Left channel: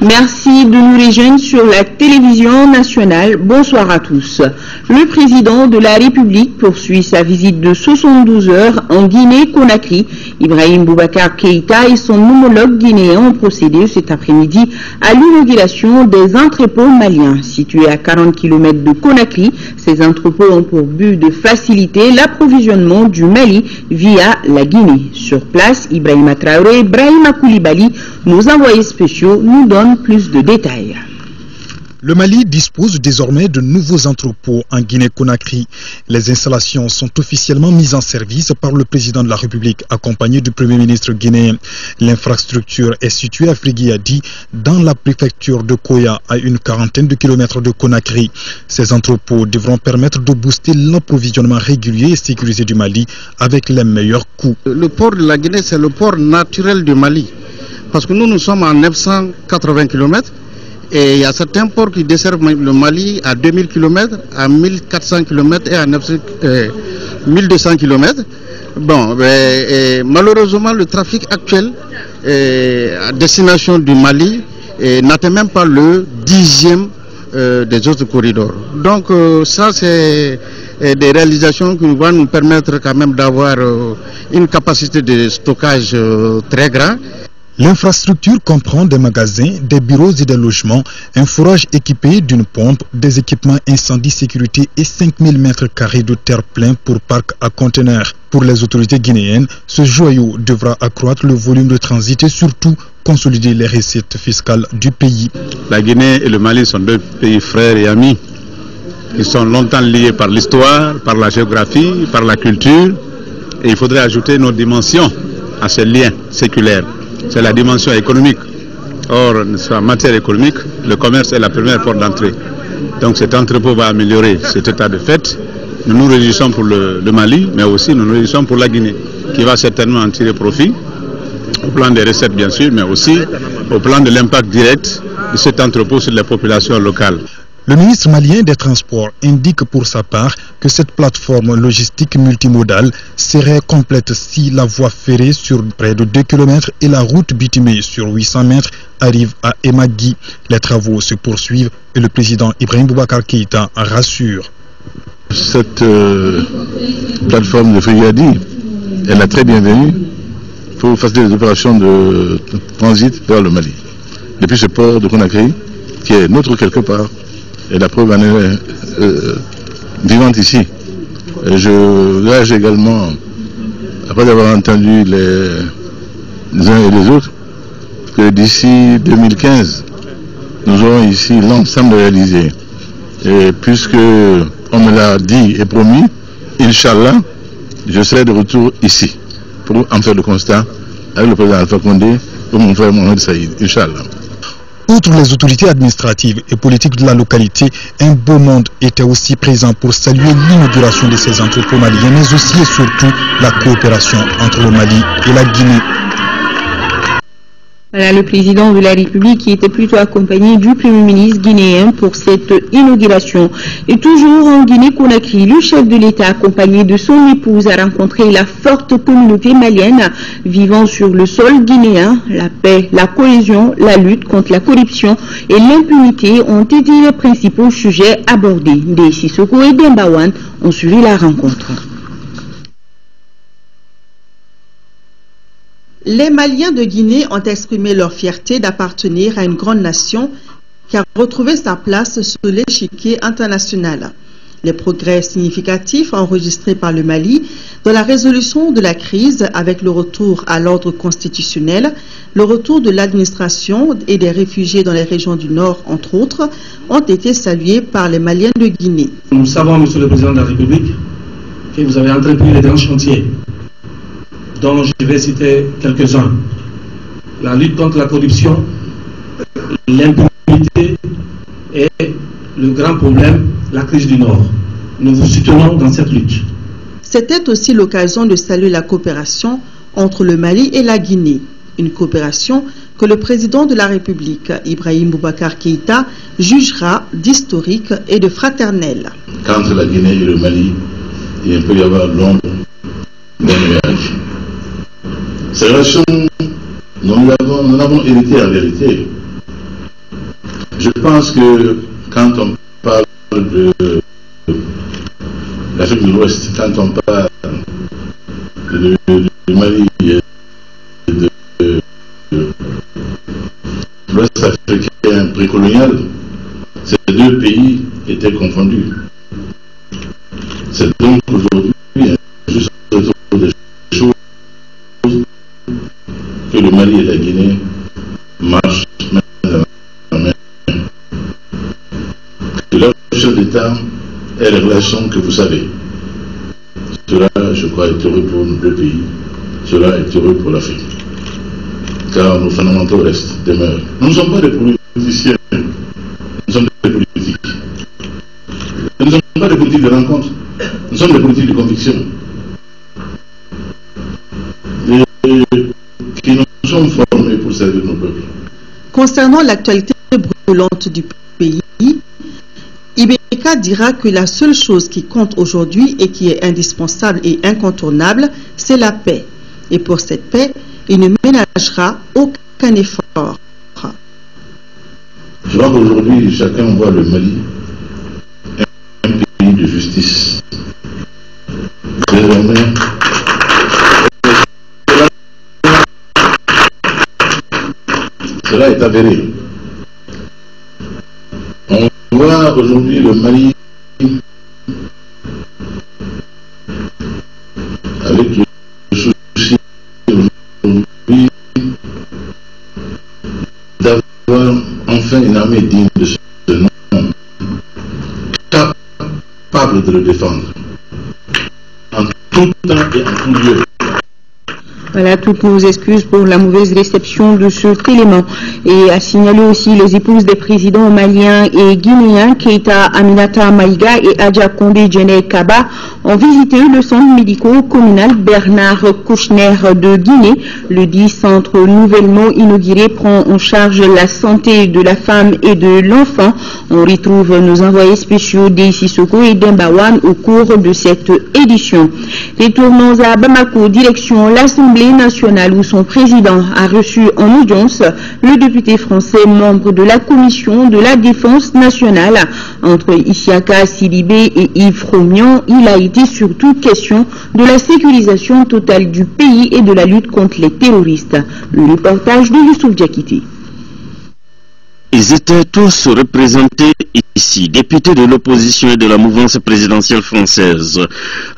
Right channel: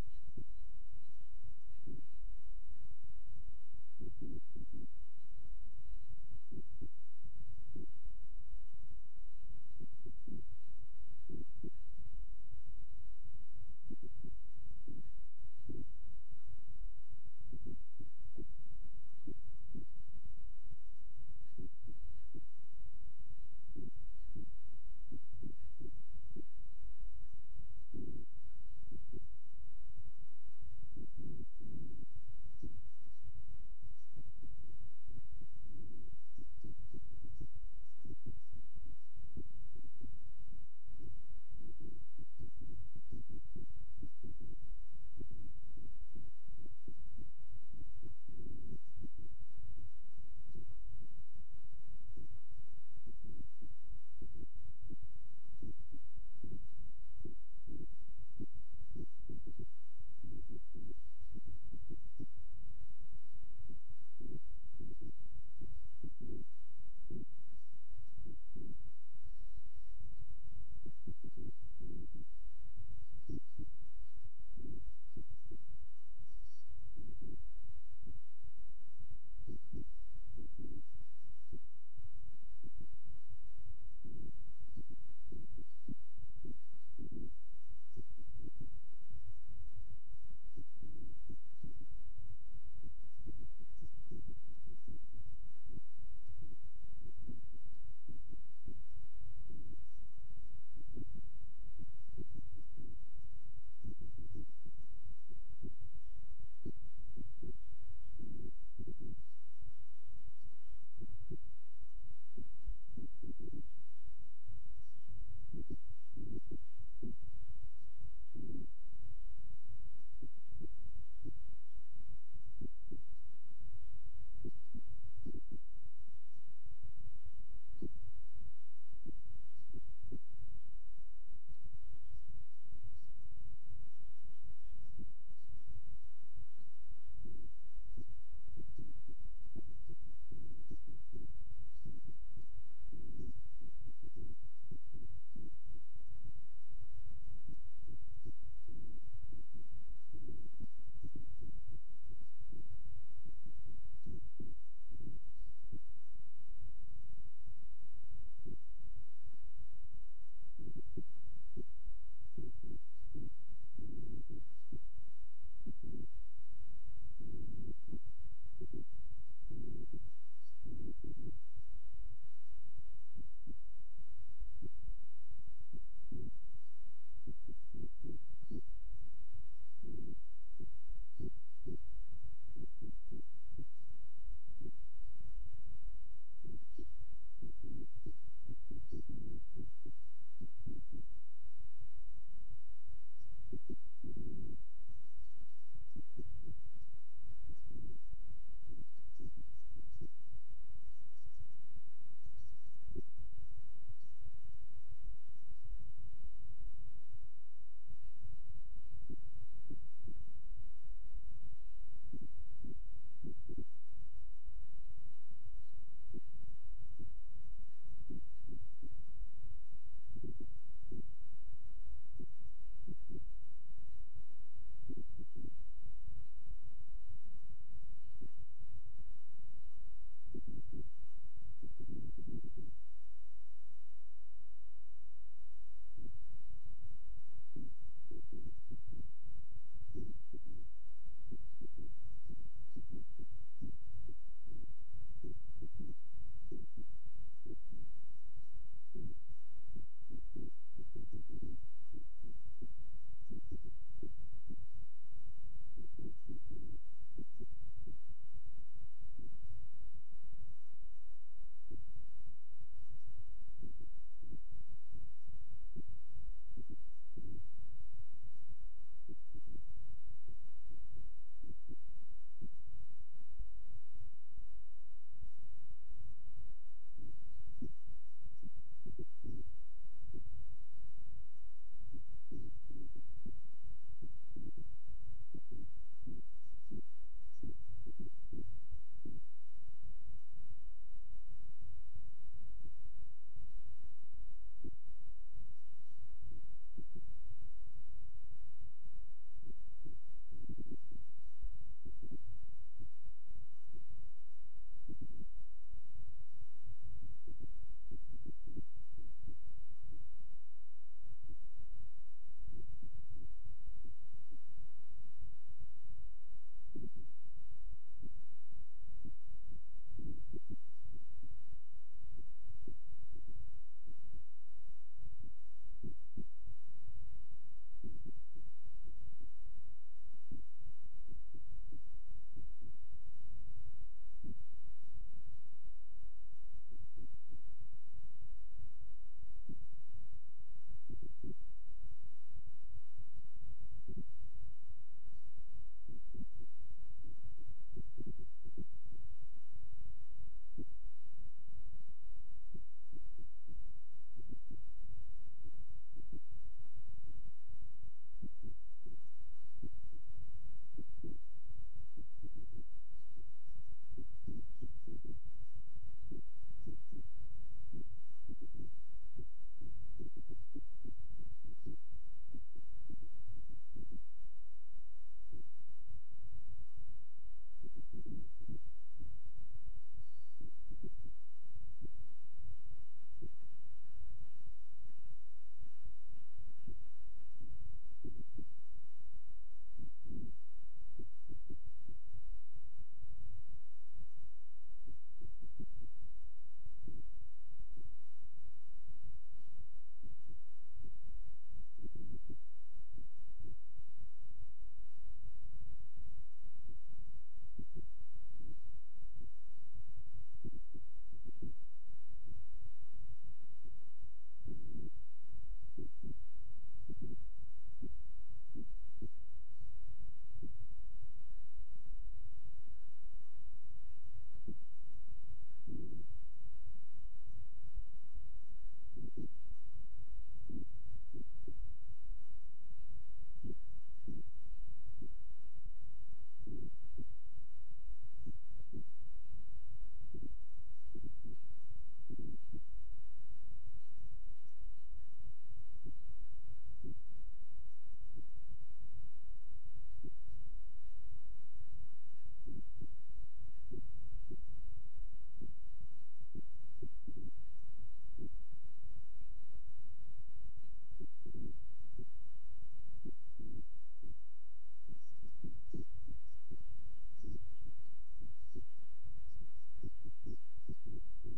Merci de nous rejoindre sur la télévision nationale. Bonsoir à tous. Le président de la République poursuit sa visite de 72 heures en Guinée-Conakry. Ibrahim Boubacar Keïta et son homologue guinéen ont procédé cet après-midi à l'inauguration des entrepôts maliens. Situés à 40 km de Conakry, ces entrepôts ont pour but de faciliter l'approvisionnement du Mali via la Guinée. Sur place, Ibrahima Traoré et Brahima Koulibaly, nos envoyés spéciaux, nous donnent plus de détails. Le Mali dispose désormais de nouveaux entrepôts en Guinée-Conakry. Les installations sont officiellement mises en service par le président de la République, accompagné du Premier ministre guinéen. L'infrastructure est située à Friguiadi, dans la préfecture de Koya, à une quarantaine de kilomètres de Conakry. Ces entrepôts devront permettre de booster l'approvisionnement régulier et sécurisé du Mali avec les meilleurs coûts. Le port de la Guinée, c'est le port naturel du Mali. Parce que nous sommes à 980 km et il y a certains ports qui desservent le Mali à 2000 km, à 1400 km et à 1200 km. Bon, malheureusement, le trafic actuel à destination du Mali n'atteint même pas le 10e des autres corridors. Donc ça, c'est des réalisations qui vont nous permettre quand même d'avoir une capacité de stockage très grande. L'infrastructure comprend des magasins, des bureaux et des logements, un forage équipé d'une pompe, des équipements incendie sécurité et 5000 mètres carrés de terre plein pour parc à conteneurs. Pour les autorités guinéennes, ce joyau devra accroître le volume de transit et surtout consolider les recettes fiscales du pays. La Guinée et le Mali sont deux pays frères et amis qui sont longtemps liés par l'histoire, par la géographie, par la culture. Et il faudrait ajouter nos dimensions à ces liens séculaires. C'est la dimension économique. Or, en matière économique, le commerce est la première porte d'entrée. Donc cet entrepôt va améliorer cet état de fait. Nous nous réjouissons pour le Mali, mais aussi nous nous réjouissons pour la Guinée, qui va certainement en tirer profit, au plan des recettes bien sûr, mais aussi au plan de l'impact direct de cet entrepôt sur les populations locales. Le ministre malien des Transports indique pour sa part que cette plateforme logistique multimodale serait complète si la voie ferrée sur près de 2 km et la route bitumée sur 800 mètres arrive à Emagui. Les travaux se poursuivent et le président Ibrahim Boubacar Keïta rassure. Cette plateforme de Friguiadi, elle est très bienvenue pour faciliter les opérations de transit vers le Mali. Depuis ce port de Conakry, qui est notre quelque part, et la preuve en est vivante ici. Et je gage également, après avoir entendu les uns et les autres, que d'ici 2015, nous aurons ici l'ensemble réalisé. Et puisque on me l'a dit et promis, Inch'Allah, je serai de retour ici pour en faire le constat avec le président Alpha Condé et mon frère Mohamed Saïd, Inch'Allah. Outre les autorités administratives et politiques de la localité, un beau monde était aussi présent pour saluer l'inauguration de ces entrepôts maliens, mais aussi et surtout la coopération entre le Mali et la Guinée. Voilà le président de la République qui était plutôt accompagné du Premier ministre guinéen pour cette inauguration. Et toujours en Guinée-Conakry, le chef de l'État accompagné de son épouse a rencontré la forte communauté malienne vivant sur le sol guinéen. La paix, la cohésion, la lutte contre la corruption et l'impunité ont été les principaux sujets abordés. Des Sissoko et Dembawan ont suivi la rencontre. Les Maliens de Guinée ont exprimé leur fierté d'appartenir à une grande nation qui a retrouvé sa place sur l'échiquier international. Les progrès significatifs enregistrés par le Mali dans la résolution de la crise avec le retour à l'ordre constitutionnel, le retour de l'administration et des réfugiés dans les régions du Nord, entre autres, ont été salués par les Maliens de Guinée. Nous savons, Monsieur le Président de la République, que vous avez entrepris les grands chantiers, dont je vais citer quelques-uns. La lutte contre la corruption, l'impunité et le grand problème, la crise du Nord. Nous vous soutenons dans cette lutte. C'était aussi l'occasion de saluer la coopération entre le Mali et la Guinée. Une coopération que le président de la République, Ibrahim Boubacar Keïta, jugera d'historique et de fraternelle. Entre la Guinée et le Mali, il peut y avoir l'ombre d'un nuage. Ces relations, nous l'avons hérité en vérité Je pense que quand on parle de l'Afrique de l'Ouest, quand on parle du Mali et de l'Ouest africain précolonial, ces deux pays étaient confondus. C'est donc aujourd'hui juste autour des choses que le Mali et la Guinée marchent main dans la main. Que leur chef d'État ait les relations que vous savez. Cela, je crois, est heureux pour nos deux pays. Cela est heureux pour l'Afrique. Car nos fondamentaux restent, demeurent. Nous ne sommes pas des politiciens, nous sommes des politiques. Nous ne sommes pas des politiques de rencontre, nous sommes des politiques de conviction. Et qui nous sommes formés pour servir nos peuples. Concernant l'actualité brûlante du pays, Ibeka dira que la seule chose qui compte aujourd'hui et qui est indispensable et incontournable, c'est la paix. Et pour cette paix, il ne ménagera aucun effort. Je crois qu'aujourd'hui, chacun voit le Mali un pays de justice. Désormais, cela est avéré. On voit aujourd'hui le Mali avec le souci aujourd'hui d'avoir enfin une armée digne de ce nom, capable de le défendre en tout temps et en tout lieu. Voilà, toutes nos excuses pour la mauvaise réception de cet élément. Et à signaler aussi les épouses des présidents maliens et guinéens, Keita Aminata Maïga et Adja Kondé Djene Kaba, ont visité le centre médico-communal Bernard Kouchner de Guinée. Le dit centre nouvellement inauguré prend en charge la santé de la femme et de l'enfant. On retrouve nos envoyés spéciaux d'Ississoko et d'Embawan au cours de cette édition. Retournons à Bamako, direction l'Assemblée nationale où son président a reçu en audience le député français membre de la commission de la défense nationale. Entre Isiaka Sidibé et Yves Romian, il a été surtout question de la sécurisation totale du pays et de la lutte contre les terroristes. Le reportage de Youssouf Diakité. Ils étaient tous représentés ici, députés de l'opposition et de la mouvance présidentielle française.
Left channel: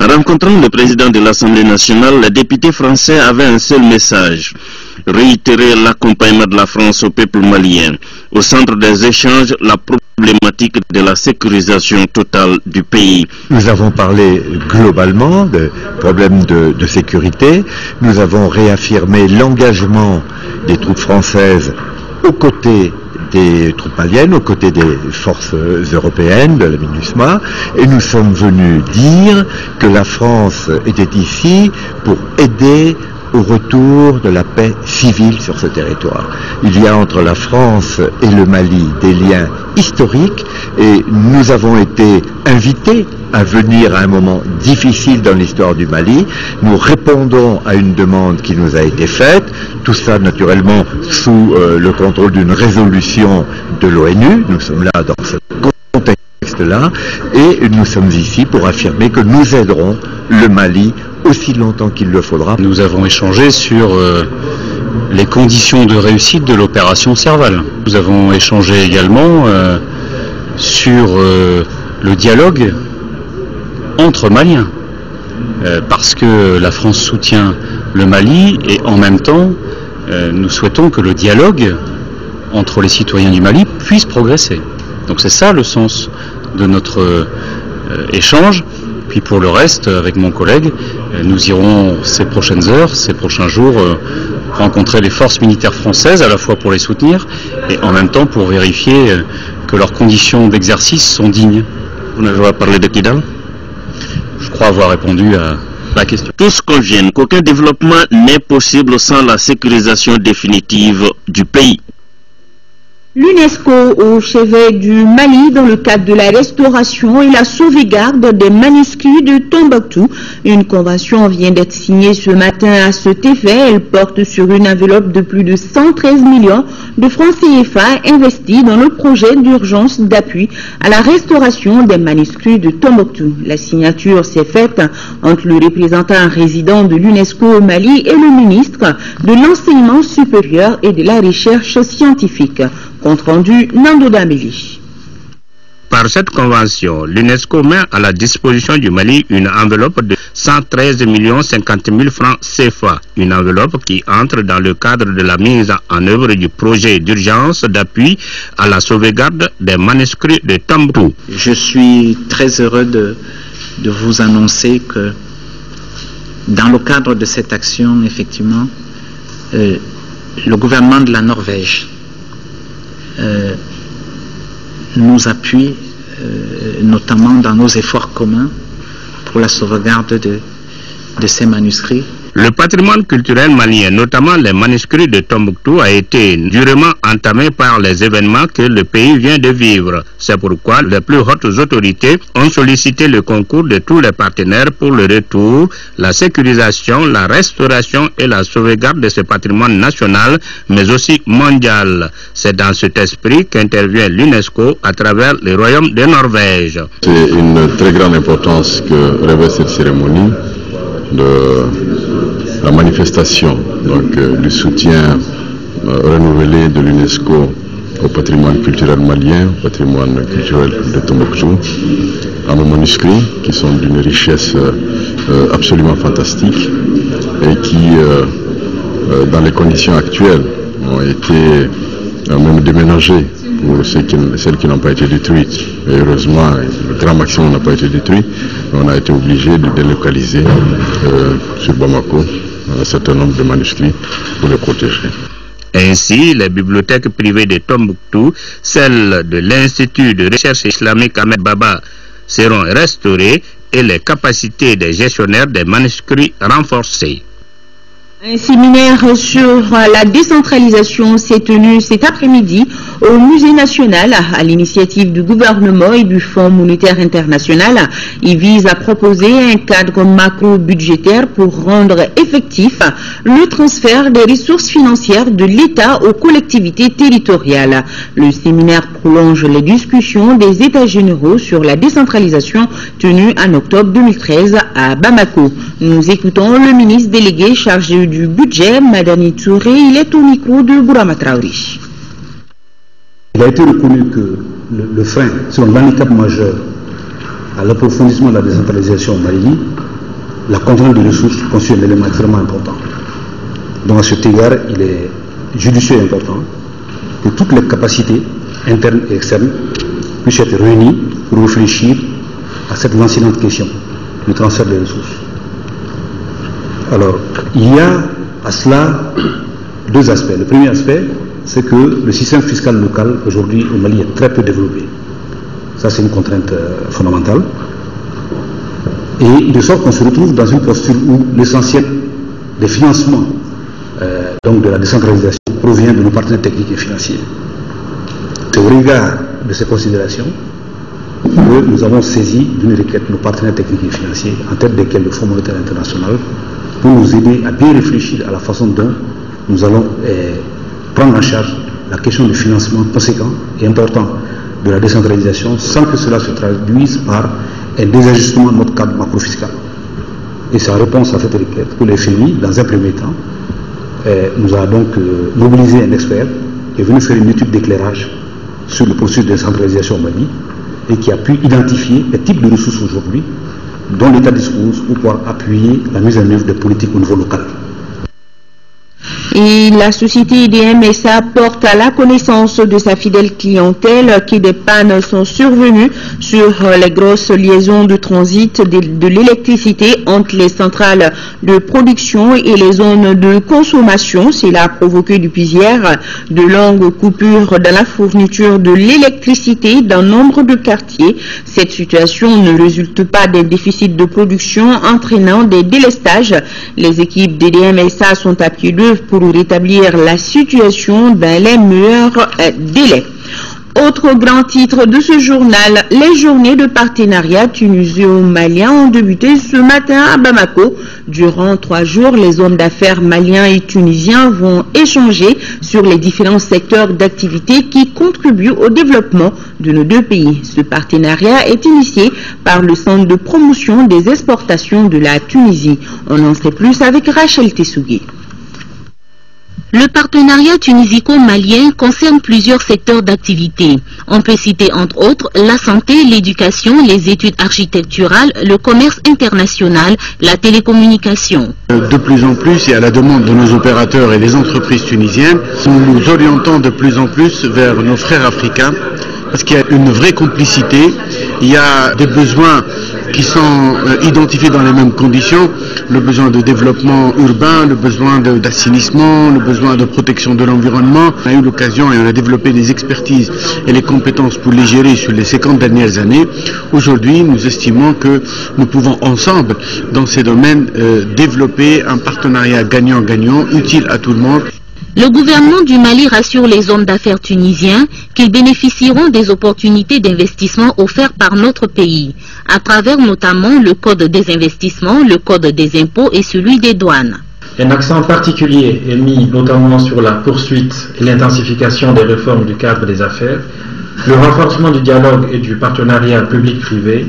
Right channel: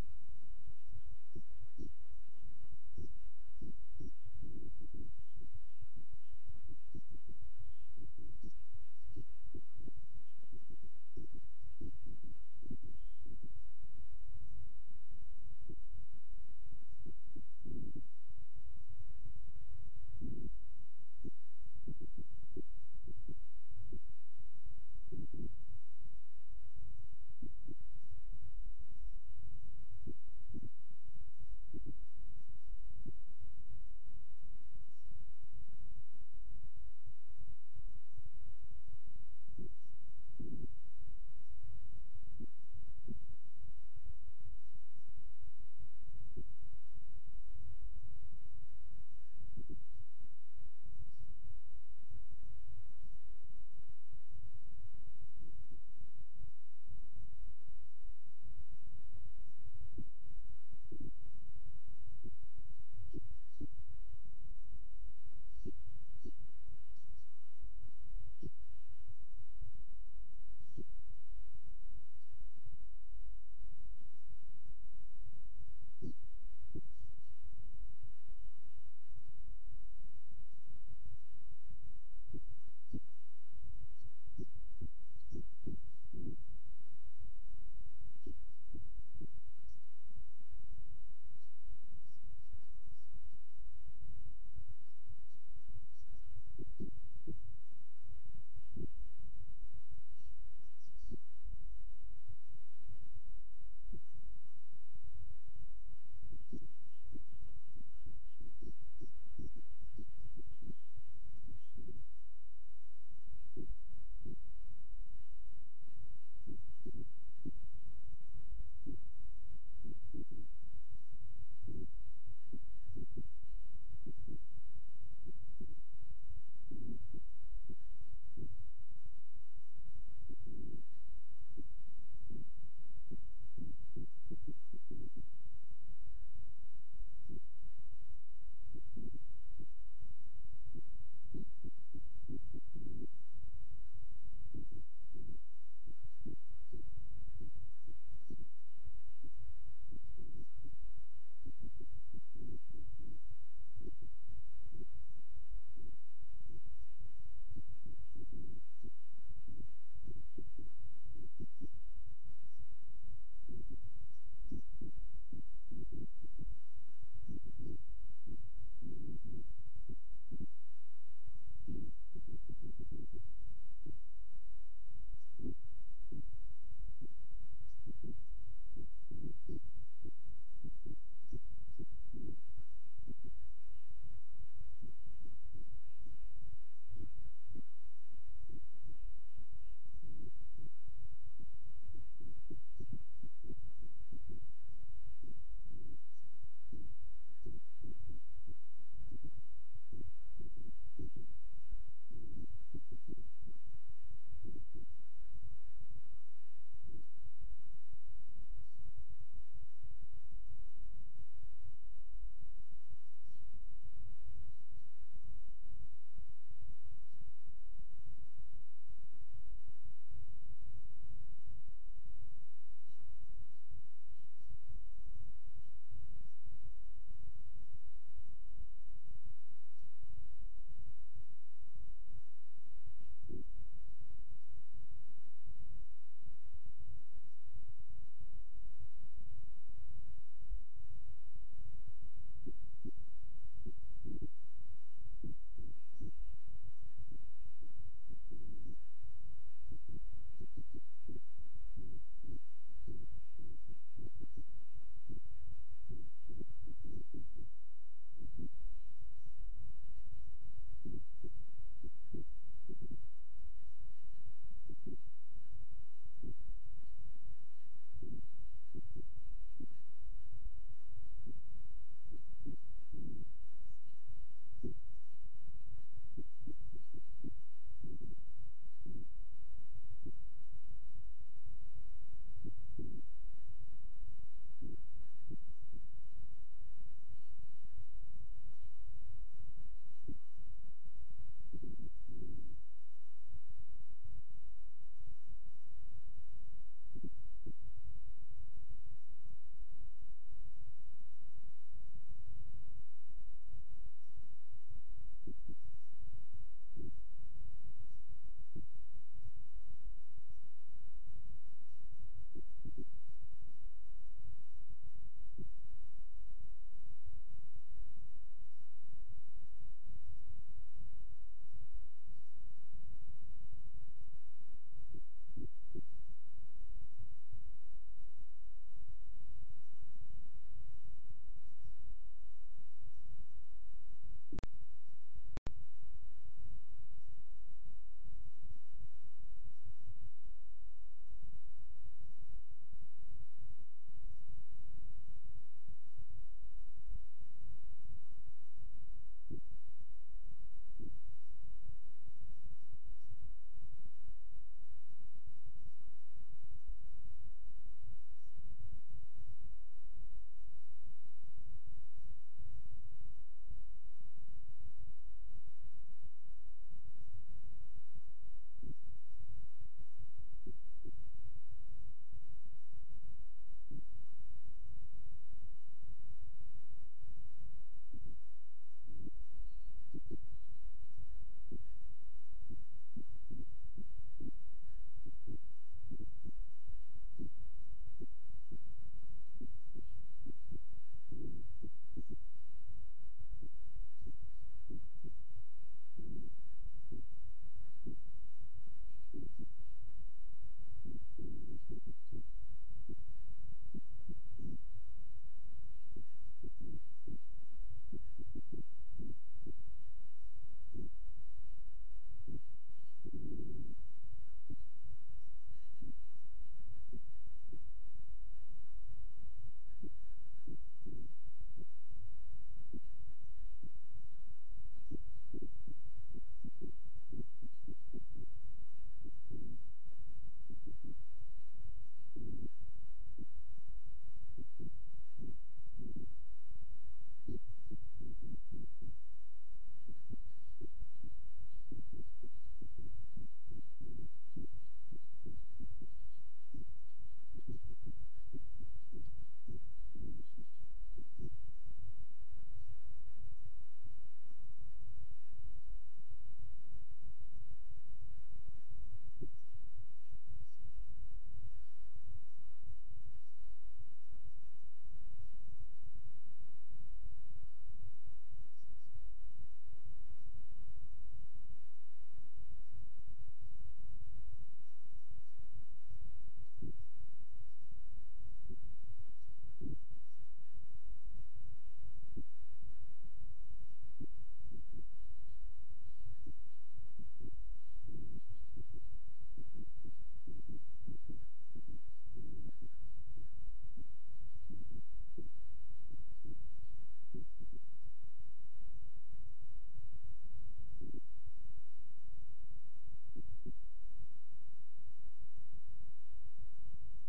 En rencontrant le président de l'Assemblée nationale, les députés français avaient un seul message: réitérer l'accompagnement de la France au peuple malien. Au centre des échanges, la problématique de la sécurisation totale du pays. Nous avons parlé globalement de problèmes de sécurité. Nous avons réaffirmé l'engagement des troupes françaises aux côtés des troupes maliennes, aux côtés des forces européennes, de la MINUSMA, et nous sommes venus dire que la France était ici pour aider au retour de la paix civile sur ce territoire. Il y a entre la France et le Mali des liens historiques et nous avons été invités à venir à un moment difficile dans l'histoire du Mali. Nous répondons à une demande qui nous a été faite, tout ça naturellement sous le contrôle d'une résolution de l'ONU. Nous sommes là dans ce contexte-là et nous sommes ici pour affirmer que nous aiderons le Mali aussi longtemps qu'il le faudra. Nous avons échangé sur les conditions de réussite de l'opération Serval. Nous avons échangé également sur le dialogue entre Maliens, parce que la France soutient le Mali et en même temps nous souhaitons que le dialogue entre les citoyens du Mali puisse progresser. Donc c'est ça le sens de notre échange. Puis pour le reste, avec mon collègue, nous irons ces prochaines heures, ces prochains jours, rencontrer les forces militaires françaises, à la fois pour les soutenir et en même temps pour vérifier que leurs conditions d'exercice sont dignes. Vous n'avez pas parlé de Kidal ? Je crois avoir répondu à la question. Tous conviennent qu'aucun développement n'est possible sans la sécurisation définitive du pays. L'UNESCO au chevet du Mali dans le cadre de la restauration et la sauvegarde des manuscrits de Tombouctou. Une convention vient d'être signée ce matin à cet effet. Elle porte sur une enveloppe de plus de 113 millions de francs CFA investis dans le projet d'urgence d'appui à la restauration des manuscrits de Tombouctou. La signature s'est faite entre le représentant résident de l'UNESCO au Mali et le ministre de l'Enseignement supérieur et de la Recherche scientifique. Compte rendu Nando Dameli. Par cette convention, l'UNESCO met à la disposition du Mali une enveloppe de 113 50 000 francs CFA. Une enveloppe qui entre dans le cadre de la mise en œuvre du projet d'urgence d'appui à la sauvegarde des manuscrits de Tombouctou. Je suis très heureux de vous annoncer que dans le cadre de cette action, effectivement, le gouvernement de la Norvège nous appuie notamment dans nos efforts communs pour la sauvegarde de ces manuscrits. Le patrimoine culturel malien, notamment les manuscrits de Tombouctou, a été durement entamé par les événements que le pays vient de vivre. C'est pourquoi les plus hautes autorités ont sollicité le concours de tous les partenaires pour le retour, la sécurisation, la restauration et la sauvegarde de ce patrimoine national, mais aussi mondial. C'est dans cet esprit qu'intervient l'UNESCO à travers le Royaume de Norvège. C'est une très grande importance que revêt cette cérémonie de la manifestation du soutien renouvelé de l'UNESCO au patrimoine culturel malien, au patrimoine culturel de Tombouctou, à nos manuscrits qui sont d'une richesse absolument fantastique et qui, dans les conditions actuelles, ont été même déménagés pour celles qui n'ont pas été détruites. Et heureusement, le grand maximum n'a pas été détruit. On a été obligé de délocaliser sur Bamako un certain nombre de manuscrits pour les protéger. Ainsi, les bibliothèques privées de Tombouctou, celles de l'Institut de recherche islamique Ahmed Baba, seront restaurées et les capacités des gestionnaires des manuscrits renforcées. Un séminaire sur la décentralisation s'est tenu cet après-midi au Musée national à l'initiative du gouvernement et du Fonds monétaire international. Il vise à proposer un cadre macro-budgétaire pour rendre effectif le transfert des ressources financières de l'État aux collectivités territoriales. Le séminaire prolonge les discussions des États généraux sur la décentralisation tenus en octobre 2013 à Bamako. Nous écoutons le ministre délégué chargé du budget, Madani Touré. Il est au micro de Bourama Traoré. Il a été reconnu que le frein sur l'handicap majeur à l'approfondissement de la décentralisation au Mali, la contrainte de ressources constitue un élément extrêmement important. Donc à cet égard, il est judicieux et important que toutes les capacités internes et externes puissent être réunies pour réfléchir à cette lancinante question du transfert des ressources. Alors, il y a à cela deux aspects. Le premier aspect, c'est que le système fiscal local aujourd'hui au Mali est très peu développé. Ça, c'est une contrainte fondamentale. Et de sorte qu'on se retrouve dans une posture où l'essentiel des financements donc de la décentralisation provient de nos partenaires techniques et financiers. C'est au regard de ces considérations que nous avons saisi d'une requête nos partenaires techniques et financiers, en tête desquels le Fonds monétaire international, pour nous aider à bien réfléchir à la façon dont nous allons prendre en charge la question du financement conséquent et important de la décentralisation sans que cela se traduise par un désajustement de notre cadre macro-fiscal. Et c'est en réponse à cette requête que le FMI, dans un premier temps, nous a donc mobilisé un expert qui est venu faire une étude d'éclairage sur le processus de décentralisation au Mali et qui a pu identifier les types de ressources aujourd'hui dont l'État dispose pour pouvoir appuyer la mise en œuvre des politiques au niveau local. Et la société IDM SA porte à la connaissance de sa fidèle clientèle que des pannes sont survenues sur les grosses liaisons de transit de l'électricité entre les centrales de production et les zones de consommation. Cela a provoqué depuis hier de longues coupures dans la fourniture de l'électricité dans nombre de quartiers. Cette situation ne résulte pas d'un déficit de production entraînant des délestages. Les équipes d'IDM SA sont à pied d'œuvre pour pour rétablir la situation dans les meilleurs délais. Autre grand titre de ce journal, les journées de partenariat tunisio-malien ont débuté ce matin à Bamako. Durant 3 jours, les hommes d'affaires maliens et tunisiens vont échanger sur les différents secteurs d'activité qui contribuent au développement de nos deux pays. Ce partenariat est initié par le Centre de promotion des exportations de la Tunisie. On en sait plus avec Rachel Tessougui. Le partenariat tunisico-malien concerne plusieurs secteurs d'activité. On peut citer entre autres la santé, l'éducation, les études architecturales, le commerce international, la télécommunication. De plus en plus, et à la demande de nos opérateurs et des entreprises tunisiennes, nous nous orientons de plus en plus vers nos frères africains parce qu'il y a une vraie complicité, il y a des besoins qui sont identifiés dans les mêmes conditions, le besoin de développement urbain, le besoin d'assainissement, le besoin de protection de l'environnement. On a eu l'occasion et on a développé des expertises et les compétences pour les gérer sur les 50 dernières années. Aujourd'hui, nous estimons que nous pouvons ensemble, dans ces domaines, développer un partenariat gagnant-gagnant, utile à tout le monde. Le gouvernement du Mali rassure les hommes d'affaires tunisiens qu'ils bénéficieront des opportunités d'investissement offertes par notre pays, à travers notamment le Code des investissements, le Code des impôts et celui des douanes. Un accent particulier est mis notamment sur la poursuite et l'intensification des réformes du cadre des affaires, le renforcement du dialogue et du partenariat public-privé,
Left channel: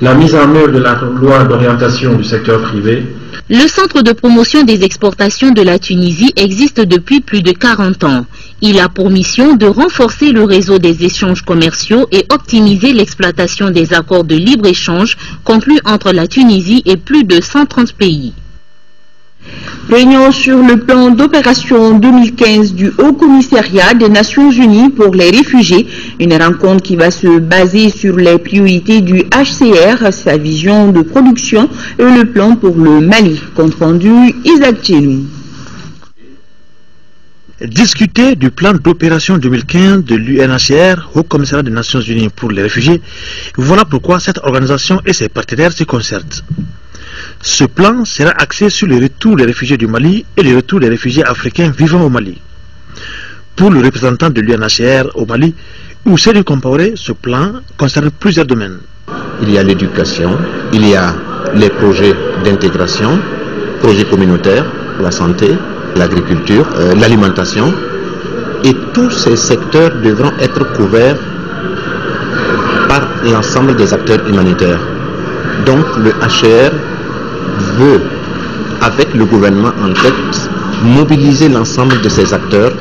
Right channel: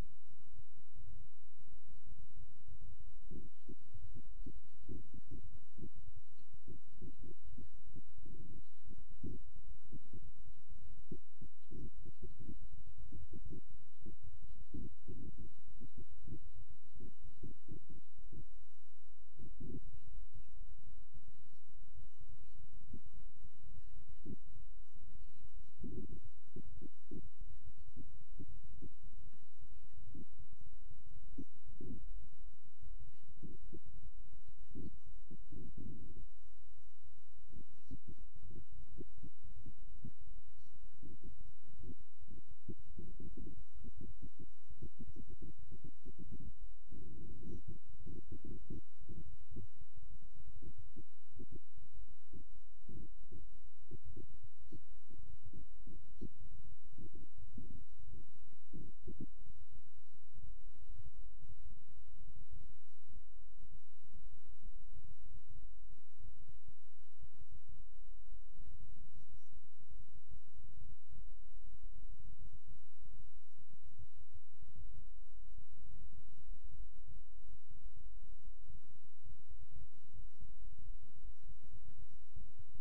la mise en œuvre de la loi d'orientation du secteur privé. Le Centre de promotion des exportations de la Tunisie existe depuis plus de 40 ans. Il a pour mission de renforcer le réseau des échanges commerciaux et optimiser l'exploitation des accords de libre-échange conclus entre la Tunisie et plus de 130 pays. Réunion sur le plan d'opération 2015 du Haut Commissariat des Nations Unies pour les réfugiés. Une rencontre qui va se baser sur les priorités du HCR, sa vision de production et le plan pour le Mali. Compte rendu Isaac Tchelou. Discuter du plan d'opération 2015 de l'UNHCR, Haut Commissariat des Nations Unies pour les réfugiés, voilà pourquoi cette organisation et ses partenaires se concertent. Ce plan sera axé sur le retour des réfugiés du Mali et le retour des réfugiés africains vivant au Mali. Pour le représentant de l'UNHCR au Mali, Ousseynou Compaoré, ce plan concerne plusieurs domaines. Il y a l'éducation, il y a les projets d'intégration, projets communautaires, la santé, l'agriculture, l'alimentation, et tous ces secteurs devront être couverts par l'ensemble des acteurs humanitaires. Donc le HCR veut, avec le gouvernement en tête, mobiliser l'ensemble de ces acteurs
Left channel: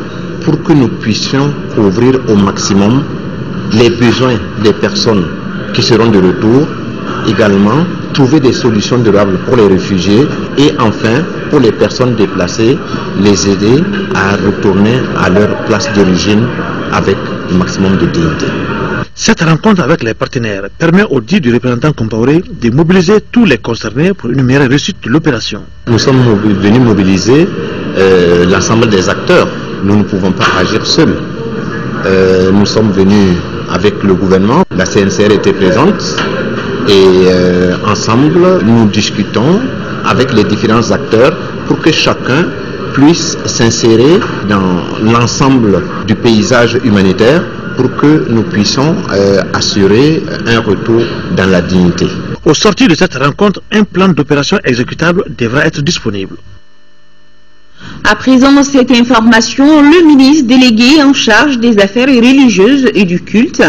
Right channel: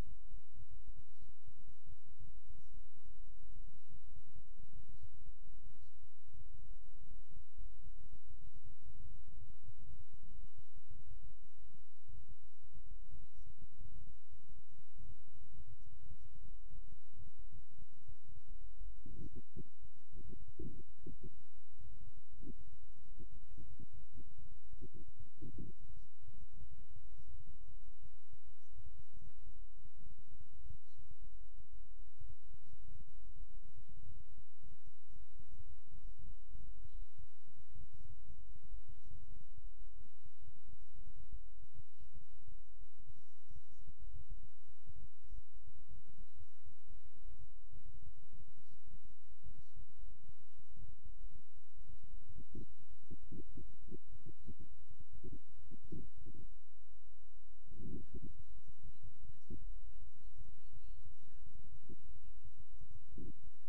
pour que nous puissions couvrir au maximum les besoins des personnes qui seront de retour, également trouver des solutions durables pour les réfugiés et enfin pour les personnes déplacées, les aider à retourner à leur place d'origine avec le maximum de dignité. Cette rencontre avec les partenaires permet au dit du représentant Compaoré de mobiliser tous les concernés pour une meilleure réussite de l'opération. Nous sommes venus mobiliser l'ensemble des acteurs. Nous ne pouvons pas agir seuls. Nous sommes venus avec le gouvernement, la CNCR était présente et ensemble nous discutons avec les différents acteurs pour que chacun puisse s'insérer dans l'ensemble du paysage humanitaire pour que nous puissions assurer un retour dans la dignité. Au sortir de cette rencontre, un plan d'opération exécutable devra être disponible. À présent, cette information, le ministre délégué en charge des affaires religieuses et du culte,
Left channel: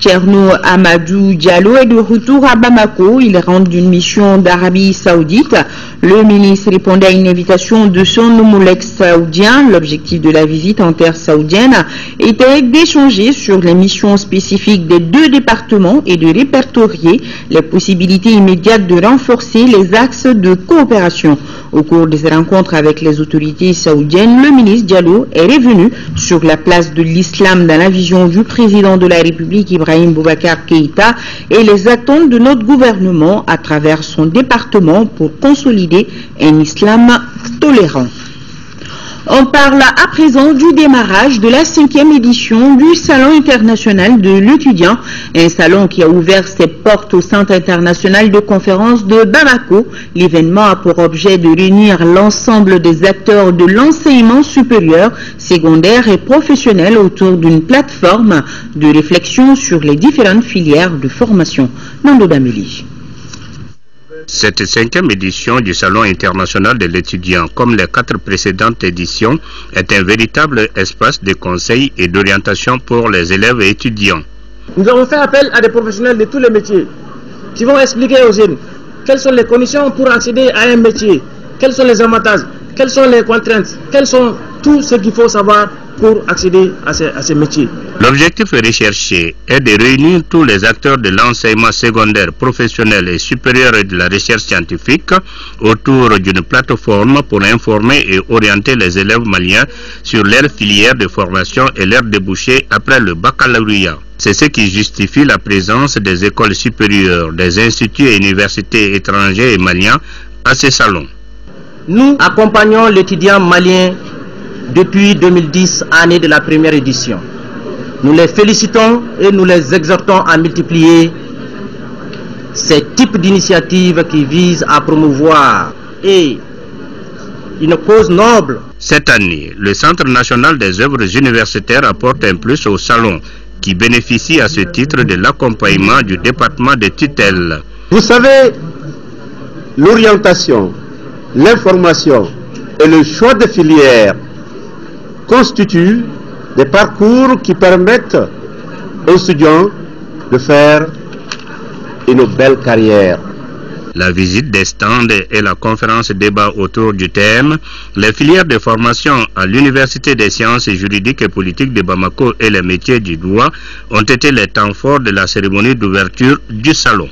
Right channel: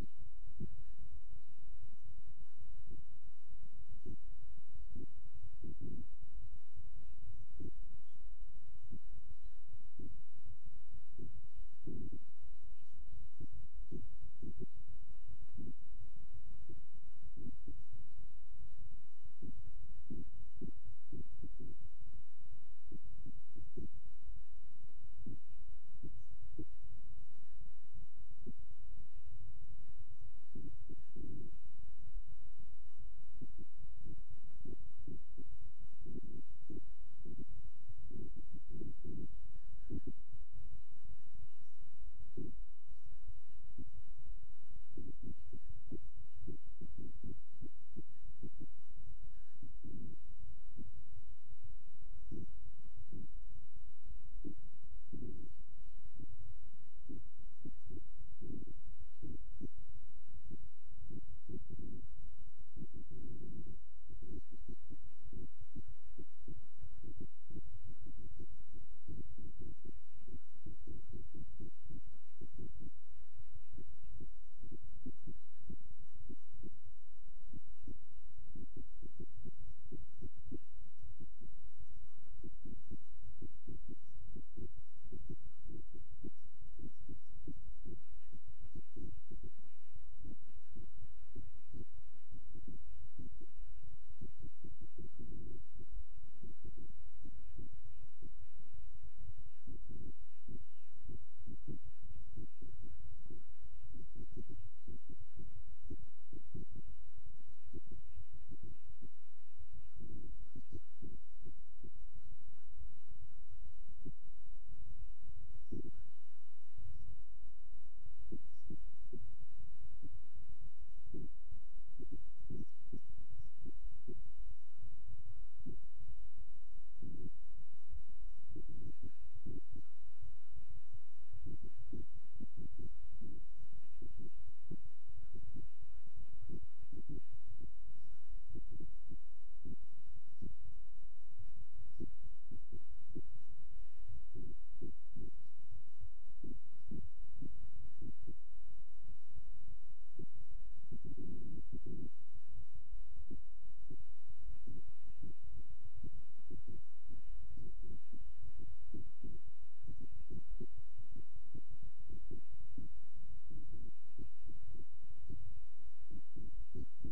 Thierno Amadou Diallo, est de retour à Bamako. Il rentre d'une mission d'Arabie Saoudite. Le ministre répondait à une invitation de son homologue saoudien. L'objectif de la visite en terre saoudienne était d'échanger sur les missions spécifiques des deux départements et de répertorier les possibilités immédiates de renforcer les axes de coopération. Au cours de ces rencontres avec les autorités saoudiennes, le ministre Diallo est revenu sur la place de l'islam dans la vision du président de la République Ibrahim Boubacar Keïta et les attentes de notre gouvernement à travers son département pour consolider un islam tolérant. On parle à présent du démarrage de la 5e édition du Salon international de l'étudiant, un salon qui a ouvert ses portes au Centre international de conférences de Bamako. L'événement a pour objet de réunir l'ensemble des acteurs de l'enseignement supérieur, secondaire et professionnel autour d'une plateforme de réflexion sur les différentes filières de formation. Nando Dameli. Cette 5e édition du Salon international de l'étudiant, comme les 4 précédentes éditions, est un véritable espace de conseil et d'orientation pour les élèves et étudiants. Nous avons fait appel à des professionnels de tous les métiers qui vont expliquer aux jeunes quelles sont les conditions pour accéder à un métier, quels sont les avantages, quelles sont les contraintes, quels sont tout ce qu'il faut savoir pour accéder à ces métiers. L'objectif recherché est de réunir tous les acteurs de l'enseignement secondaire, professionnel et supérieur et de la recherche scientifique autour d'une plateforme pour informer et orienter les élèves maliens sur leurs filières de formation et leurs débouchés après le baccalauréat. C'est ce qui justifie la présence des écoles supérieures, des instituts et universités étrangers et maliens à ces salons. Nous accompagnons l'étudiant malien depuis 2010, année de la première édition. Nous les félicitons et nous les exhortons à multiplier ces types d'initiatives qui visent à promouvoir une cause noble. Cette année, le Centre national des œuvres universitaires apporte un plus au salon qui bénéficie à ce titre de l'accompagnement du département de tutelle. Vous savez, l'orientation, l'information et le choix de filières constituent des parcours qui permettent aux étudiants de faire une belle carrière. La visite des stands et la conférence débat autour du thème « Les filières de formation à l'Université des sciences juridiques et politiques de Bamako et les métiers du droit » ont été les temps forts de la cérémonie d'ouverture du salon.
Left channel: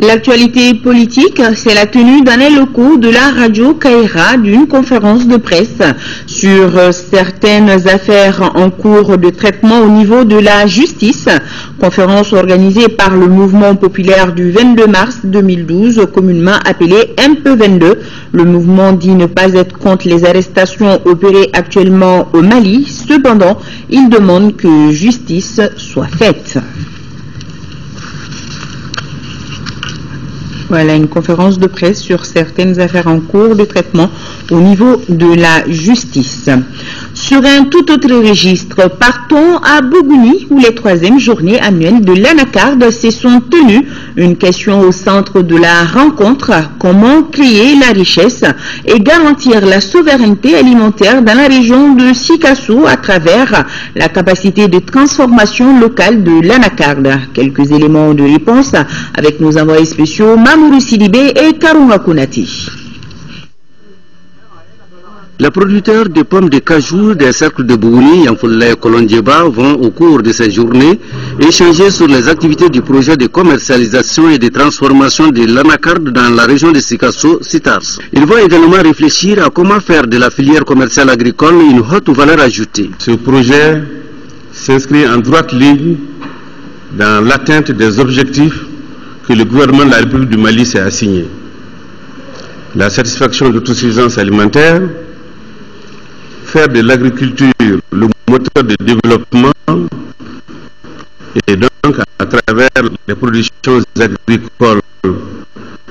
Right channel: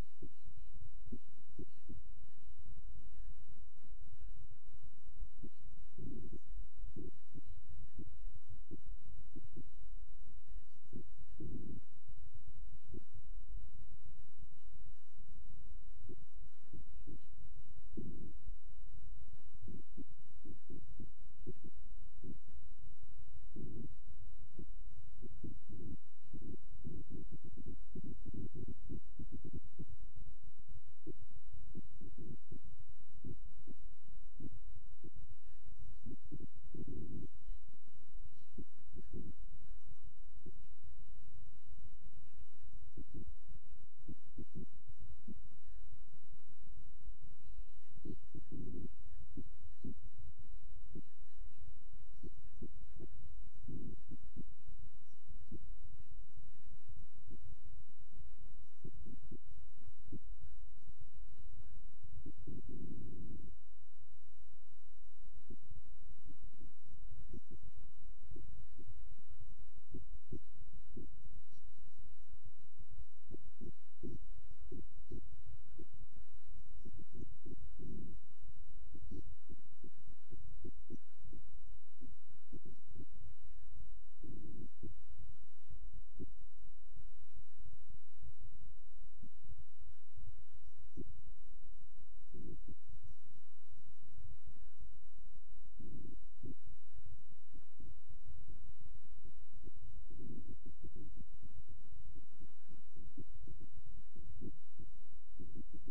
L'actualité politique, c'est la tenue dans les locaux de la radio Kaira d'une conférence de presse sur certaines affaires en cours de traitement au niveau de la justice. Conférence organisée par le mouvement populaire du 22 mars 2012, communément appelé MP22. Le mouvement dit ne pas être contre les arrestations opérées actuellement au Mali. Cependant, il demande que justice soit faite. Voilà une conférence de presse sur certaines affaires en cours de traitement au niveau de la justice. Sur un tout autre registre, partons à Bougouni où les 3e journées annuelles de l'Anacarde se sont tenues. Une question au centre de la rencontre, comment créer la richesse et garantir la souveraineté alimentaire dans la région de Sikasso à travers la capacité de transformation locale de l'Anacarde. Quelques éléments de réponse avec nos envoyés spéciaux Mamourou Sidibé et Karunga Konati. Les producteurs de pommes de cajou des cercles de Bougouni, Yanfoulé et Kolondjeba vont au cours de cette journée échanger sur les activités du projet de commercialisation et de transformation de l'anacarde dans la région de Sikasso-Sitars. Ils vont également réfléchir à comment faire de la filière commerciale agricole une haute valeur ajoutée. Ce projet s'inscrit en droite ligne dans l'atteinte des objectifs que le gouvernement de la République du Mali s'est assigné. La satisfaction de l'autosuffisance alimentaire, faire de l'agriculture le moteur de développement et donc à travers les productions agricoles.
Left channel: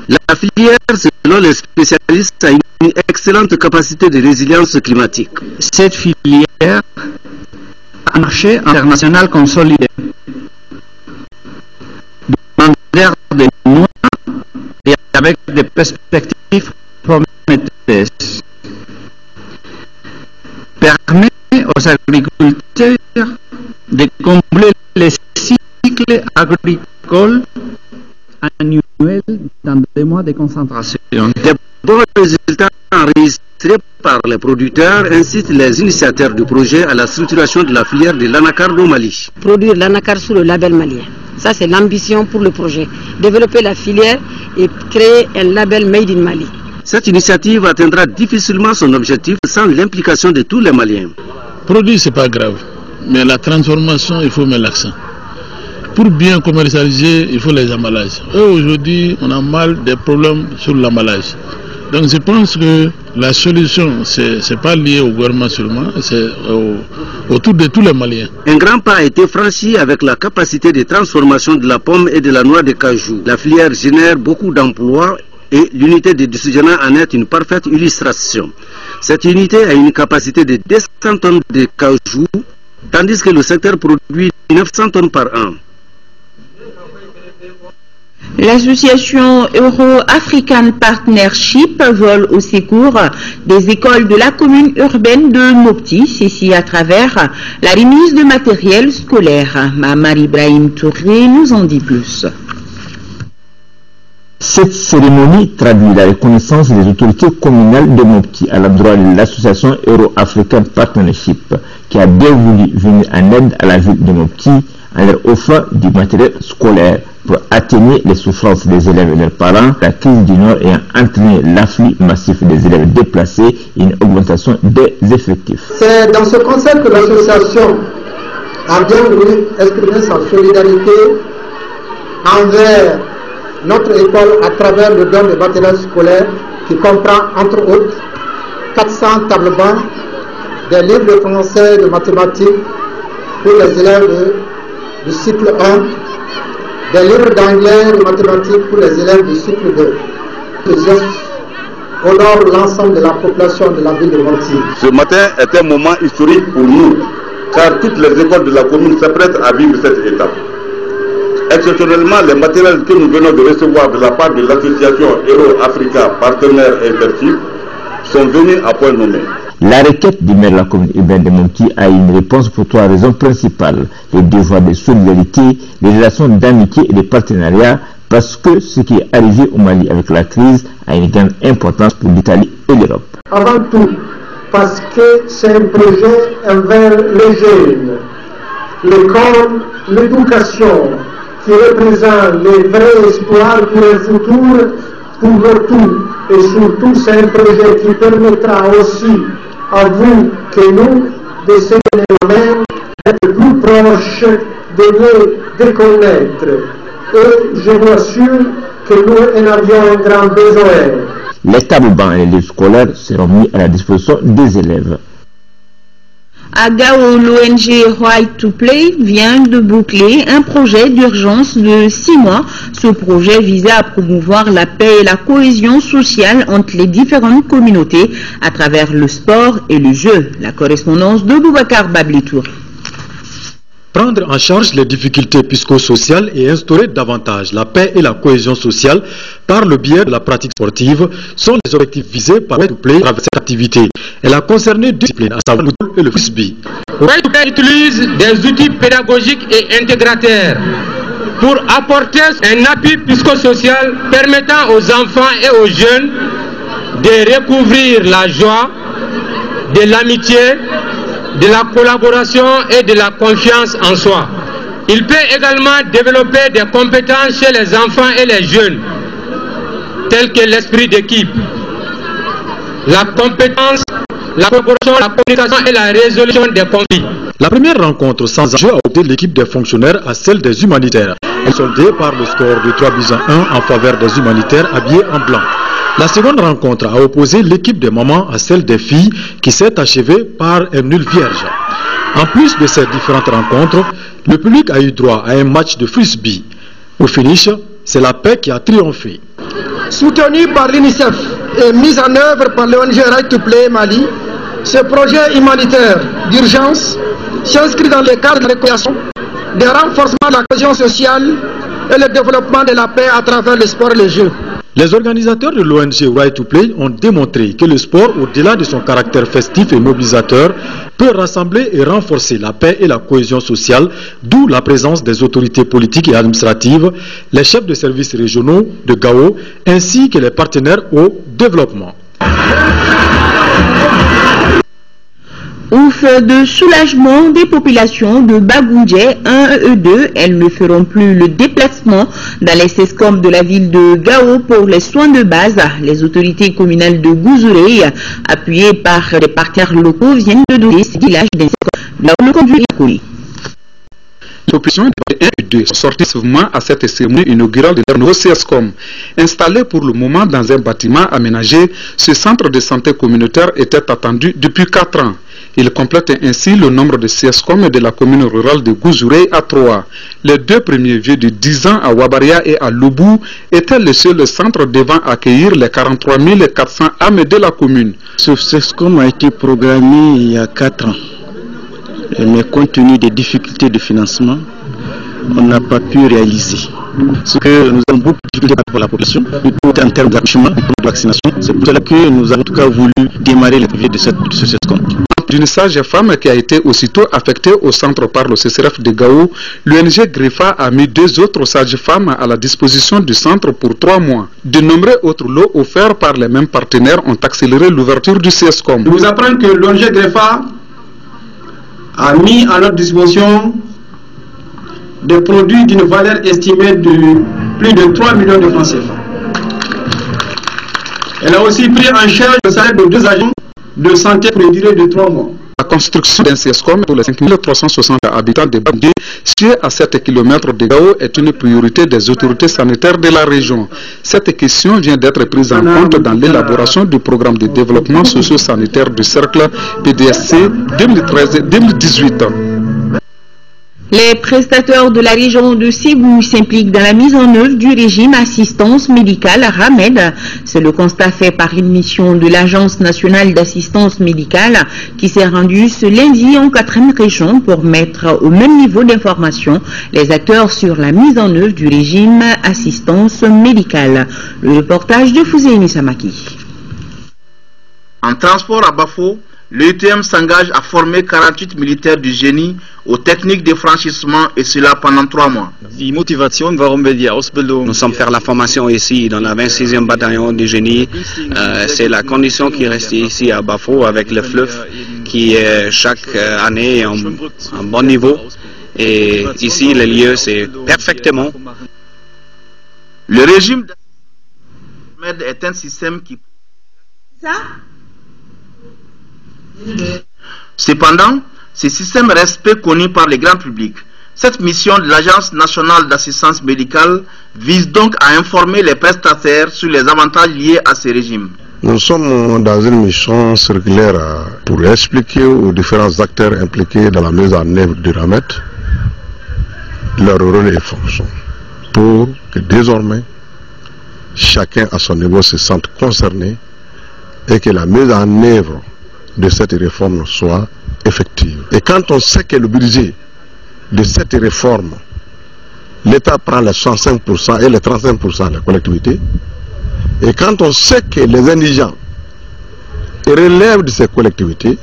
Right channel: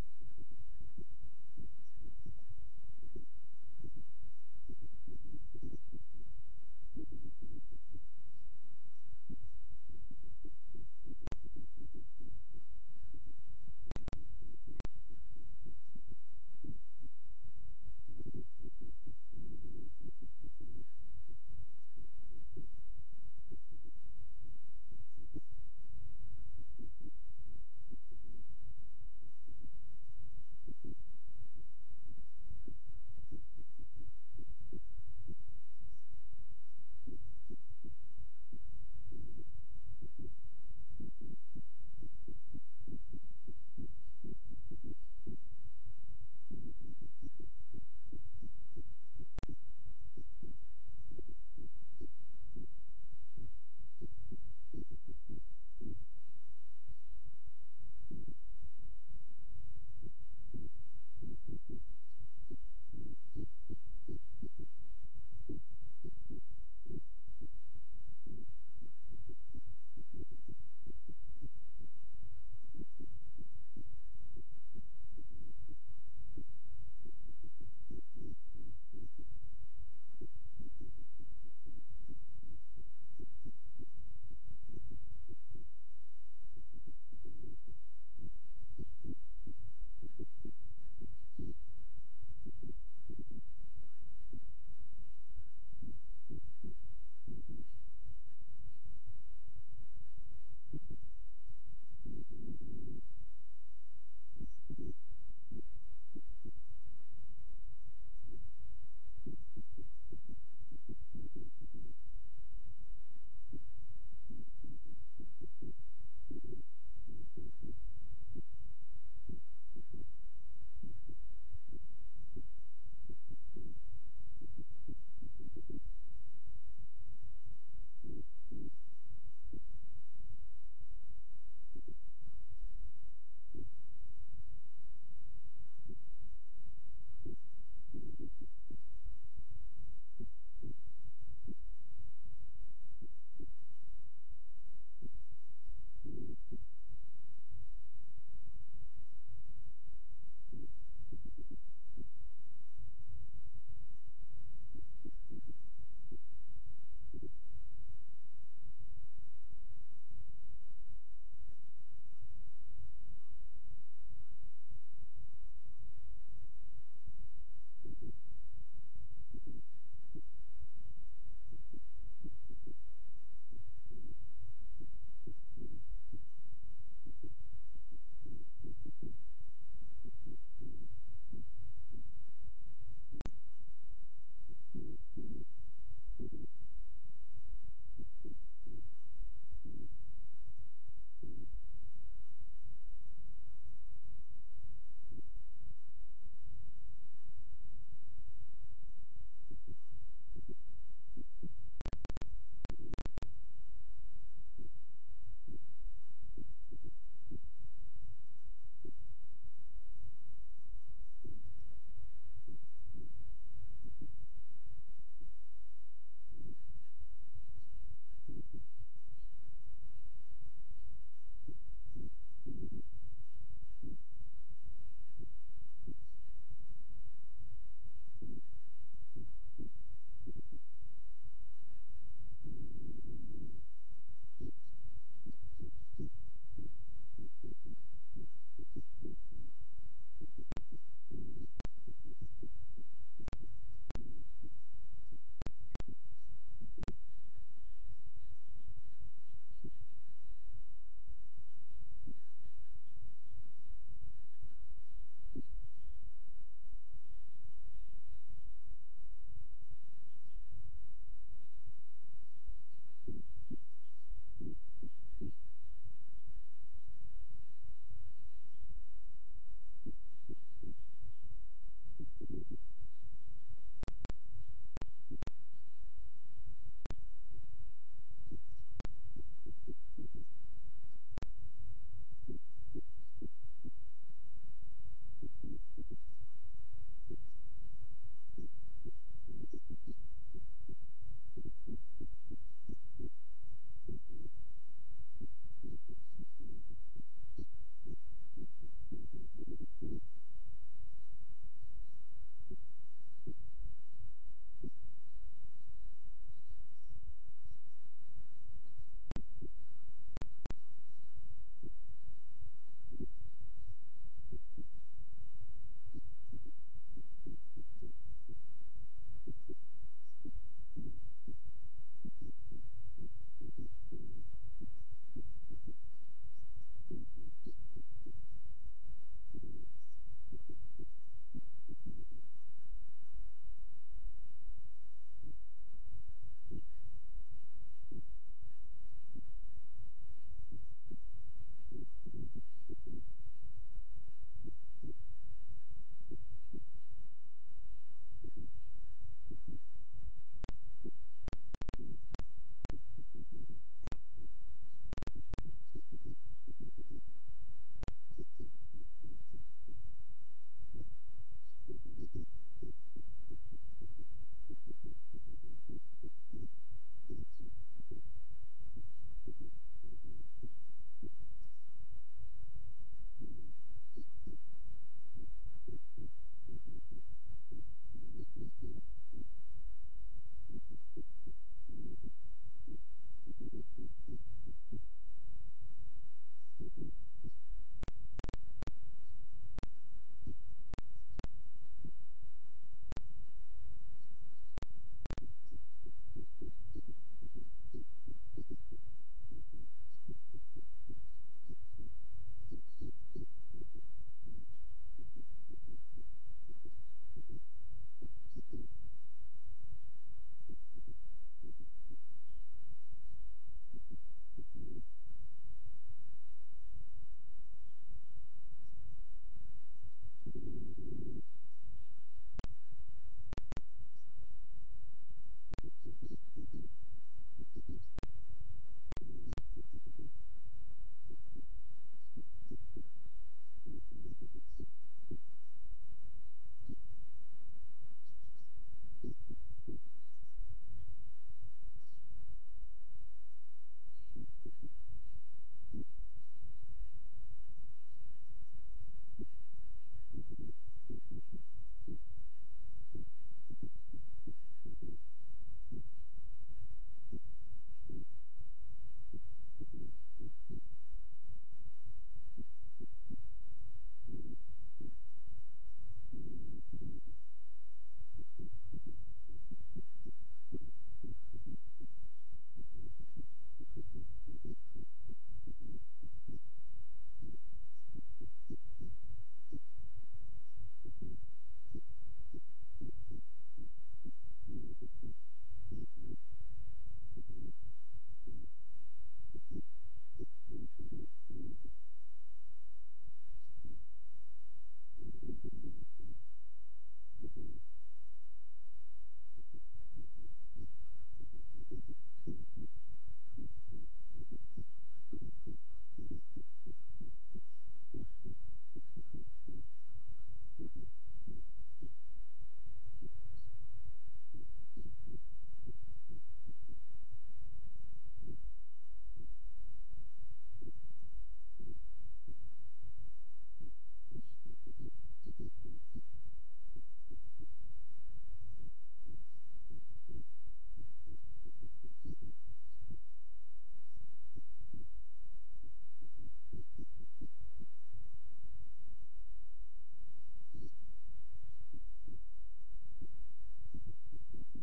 La filière, selon les spécialistes, a une excellente capacité de résilience climatique. Cette filière a un marché international consolidé. Demandeur de mois et avec des perspectives prometteuses. Permet aux agriculteurs de combler les cycles agricoles annuels dans des mois de concentration. Des bons résultats enregistrés par les producteurs incitent les initiateurs du projet à la structuration de la filière de l'anacarde au Mali. Produire l'anacarde sous le label malien. Ça, c'est l'ambition pour le projet. Développer la filière et créer un label Made in Mali. Cette initiative atteindra difficilement son objectif sans l'implication de tous les Maliens. Produire, c'est pas grave, mais la transformation, il faut mettre l'accent. Pour bien commercialiser, il faut les emballages. Aujourd'hui, on a mal des problèmes sur l'emballage. Donc je pense que la solution, c'est pas lié au gouvernement seulement, c'est autour de tous les Maliens. Un grand pas a été franchi avec la capacité de transformation de la pomme et de la noix de cajou. La filière génère beaucoup d'emplois et l'unité de Dusujana en est une parfaite illustration. Cette unité a une capacité de 200 tonnes de cajou, tandis que le secteur produit 900 tonnes par an. L'association Euro-African Partnership vole au secours des écoles de la commune urbaine de Mopti, ceci à travers la remise de matériel scolaire. Mamar Ibrahim Touré nous en dit plus. Cette cérémonie traduit la reconnaissance des autorités communales de Mopti à l'endroit de l'association Euro-African Partnership qui a bien voulu venir en aide à la ville de Mopti en leur offrant du matériel scolaire pour atténuer les souffrances des élèves et leurs parents, la crise du Nord ayant entraîné l'afflux massif des élèves déplacés et une augmentation des effectifs. C'est dans ce concept que l'association a bien voulu exprimer sa solidarité envers notre école à travers le don de matériel scolaire qui comprend entre autres 400 tables-bancs, des livres de français et de mathématiques pour les élèves du cycle 1, des livres d'anglais et de mathématiques pour les élèves du cycle 2. Ce geste honore l'ensemble de la population de la ville de Mopti. Ce matin est un moment historique pour nous, car toutes les écoles de la commune s'apprêtent à vivre cette étape. Exceptionnellement, les matériels que nous venons de recevoir de la part de l'association Euro-Africa Partenaires Interchief sont venus à point nommé. La requête du maire de la commune urbaine de Mopti a une réponse pour trois raisons principales. Les devoirs de solidarité, les relations d'amitié et de partenariat, parce que ce qui est arrivé au Mali avec la crise a une grande importance pour l'Italie et l'Europe. Avant tout, parce que c'est un projet envers les jeunes, l'école, l'éducation, qui représente les vrais espoirs pour un futur pour nous tous. Et surtout, c'est un projet qui permettra aussi à vous que nous, de se donner la main, d'être plus proches, de les déconnaître. Et je vous assure que nous en avions un grand besoin. Les tables-bancs et les livres scolaires seront mis à la disposition des élèves. À Gao, l'ONG Right to Play vient de boucler un projet d'urgence de 6 mois. Ce projet visait à promouvoir la paix et la cohésion sociale entre les différentes communautés à travers le sport et le jeu. La correspondance de Boubacar Bablitour. Prendre en charge les difficultés psychosociales et instaurer davantage la paix et la cohésion sociale par le biais de la pratique sportive sont les objectifs visés par Right to Play avec cette activité. Elle a concerné deux disciplines, à savoir le football et le frisbee. Right to Play utilise des outils pédagogiques et intégrateurs pour apporter un appui psychosocial permettant aux enfants et aux jeunes de recouvrir la joie, de l'amitié, de la collaboration et de la confiance en soi. Il peut également développer des compétences chez les enfants et les jeunes, telles que l'esprit d'équipe, la compétence, la collaboration, la communication et la résolution des conflits. La première rencontre sans enjeu a opté l'équipe des fonctionnaires à celle des humanitaires. Elle est soldée par le score de 3-1 en faveur des humanitaires habillés en blanc. La seconde rencontre a opposé l'équipe des mamans à celle des filles qui s'est achevée par un nul vierge. En plus de ces différentes rencontres, le public a eu droit à un match de frisbee. Au finish, c'est la paix qui a triomphé. Soutenu par l'UNICEF et mis en œuvre par l'ONG Right to Play Mali, ce projet humanitaire d'urgence s'inscrit dans le cadre de la réconciliation, du renforcement de la cohésion sociale et le développement de la paix à travers le sport et le jeu. Les organisateurs de l'ONG Right to Play ont démontré que le sport, au-delà de son caractère festif et mobilisateur, peut rassembler et renforcer la paix et la cohésion sociale, d'où la présence des autorités politiques et administratives, les chefs de services régionaux de Gao, ainsi que les partenaires au développement. Ouf de soulagement des populations de Bagoundje 1 et 2. Elles ne feront plus le déplacement dans les CESCOM de la ville de Gao pour les soins de base. Les autorités communales de Gouzouré, appuyées par des partenaires locaux, viennent de donner ces villages des CESCOM. Là où le conduit est collé. L'opposition des 1 et 2 sont sortis souvent à cette cérémonie inaugurale de leur nouveau CSCOM. Installé pour le moment dans un bâtiment aménagé, ce centre de santé communautaire était attendu depuis 4 ans. Il complète ainsi le nombre de CSCOM de la commune rurale de Gouzouré à 3. Les 2 premiers vieux de 10 ans à Wabaria et à Loubou étaient le seul centre devant accueillir les 43 400 âmes de la commune. Ce CSCOM a été programmé il y a 4 ans. Mais compte tenu des difficultés de financement, on n'a pas pu réaliser. Ce que nous avons beaucoup de difficultés pour la population, plutôt en termes d'accouchement, de vaccination. C'est pour cela que nous avons en tout cas voulu démarrer les projets de ce CSCOM. D'une sage-femme qui a été aussitôt affectée au centre par le CCRF de Gao, l'ONG Greffa a mis 2 autres sages-femmes à la disposition du centre pour 3 mois. De nombreux autres lots offerts par les mêmes partenaires ont accéléré l'ouverture du CSCOM. Je vous apprends que l'ONG Greffa a mis à notre disposition des produits d'une valeur estimée de plus de 3 millions de francs CFA. Elle a aussi pris en charge le salaire de 2 agents de santé pour une durée de 3 mois. La construction d'un CSCOM pour les 5360 habitants de Bandé, situé à 7 km de Gao, est une priorité des autorités sanitaires de la région. Cette question vient d'être prise en compte dans l'élaboration du programme de développement socio-sanitaire du cercle PDSC 2013-2018. Les prestataires de la région de Ségou s'impliquent dans la mise en œuvre du régime assistance médicale RAMED. C'est le constat fait par une mission de l'Agence nationale d'assistance médicale qui s'est rendue ce lundi en 4e région pour mettre au même niveau d'information les acteurs sur la mise en œuvre du régime assistance médicale. Le reportage de Fouséini Samaki. En transport à Bafo, l'EUTM s'engage à former 48 militaires du génie aux techniques de franchissement et cela pendant 3 mois. Nous sommes faire la formation ici dans la 26e bataillon du génie. C'est la condition qui reste ici à Bafo avec le fleuve qui est chaque année en bon niveau. Et ici, le lieu, c'est parfaitement. Le régime d'Ahmed est un système qui... Cependant, ce système reste peu connu par le grand public. Cette mission de l'Agence nationale d'assistance médicale vise donc à informer les prestataires sur les avantages liés à ce régime. Nous sommes dans une mission circulaire pour expliquer aux différents acteurs impliqués dans la mise en œuvre du RAMED leur rôle et fonction, pour que désormais chacun à son niveau se sente concerné et que la mise en œuvre de cette réforme soit effective. Et quand on sait que le budget de cette réforme, l'État prend les 65% et les 35% de la collectivité, et quand on sait que les indigents relèvent de ces collectivités,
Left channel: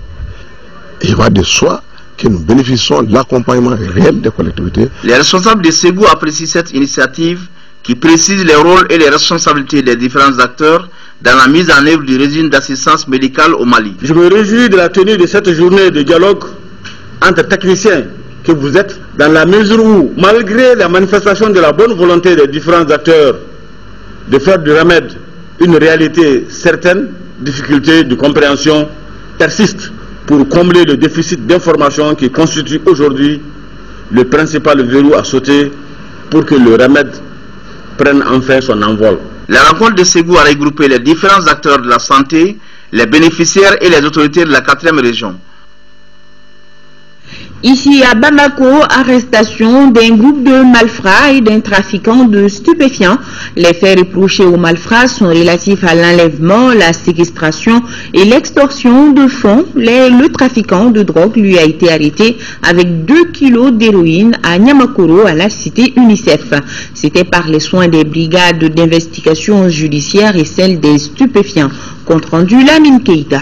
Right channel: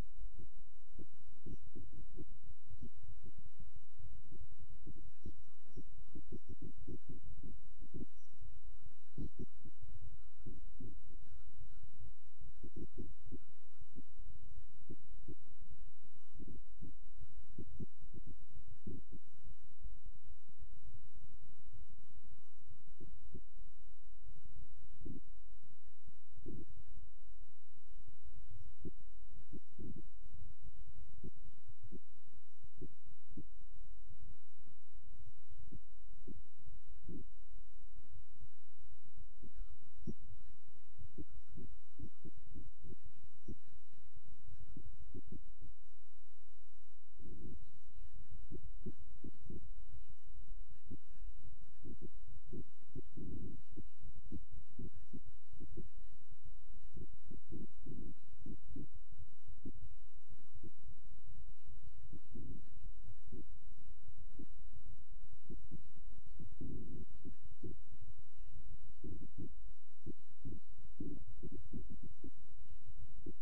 il va de soi que nous bénéficions de l'accompagnement réel des collectivités. Les responsables de Ségou apprécient cette initiative qui précise les rôles et les responsabilités des différents acteurs dans la mise en œuvre du régime d'assistance médicale au Mali. Je me réjouis de la tenue de cette journée de dialogue entre techniciens que vous êtes, dans la mesure où, malgré la manifestation de la bonne volonté des différents acteurs de faire du RAMED une réalité certaine, difficultés de compréhension persistent pour combler le déficit d'information qui constitue aujourd'hui le principal verrou à sauter pour que le RAMED prenne enfin son envol. La rencontre de Ségou a regroupé les différents acteurs de la santé, les bénéficiaires et les autorités de la 4e région. Ici à Bamako, arrestation d'un groupe de malfrats et d'un trafiquant de stupéfiants. Les faits reprochés aux malfrats sont relatifs à l'enlèvement, la séquestration et l'extorsion de fonds. Le trafiquant de drogue lui a été arrêté avec 2 kilos d'héroïne à Nyamakoro, à la cité UNICEF. C'était par les soins des brigades d'investigation judiciaire et celles des stupéfiants. Compte rendu Lamine Keïta.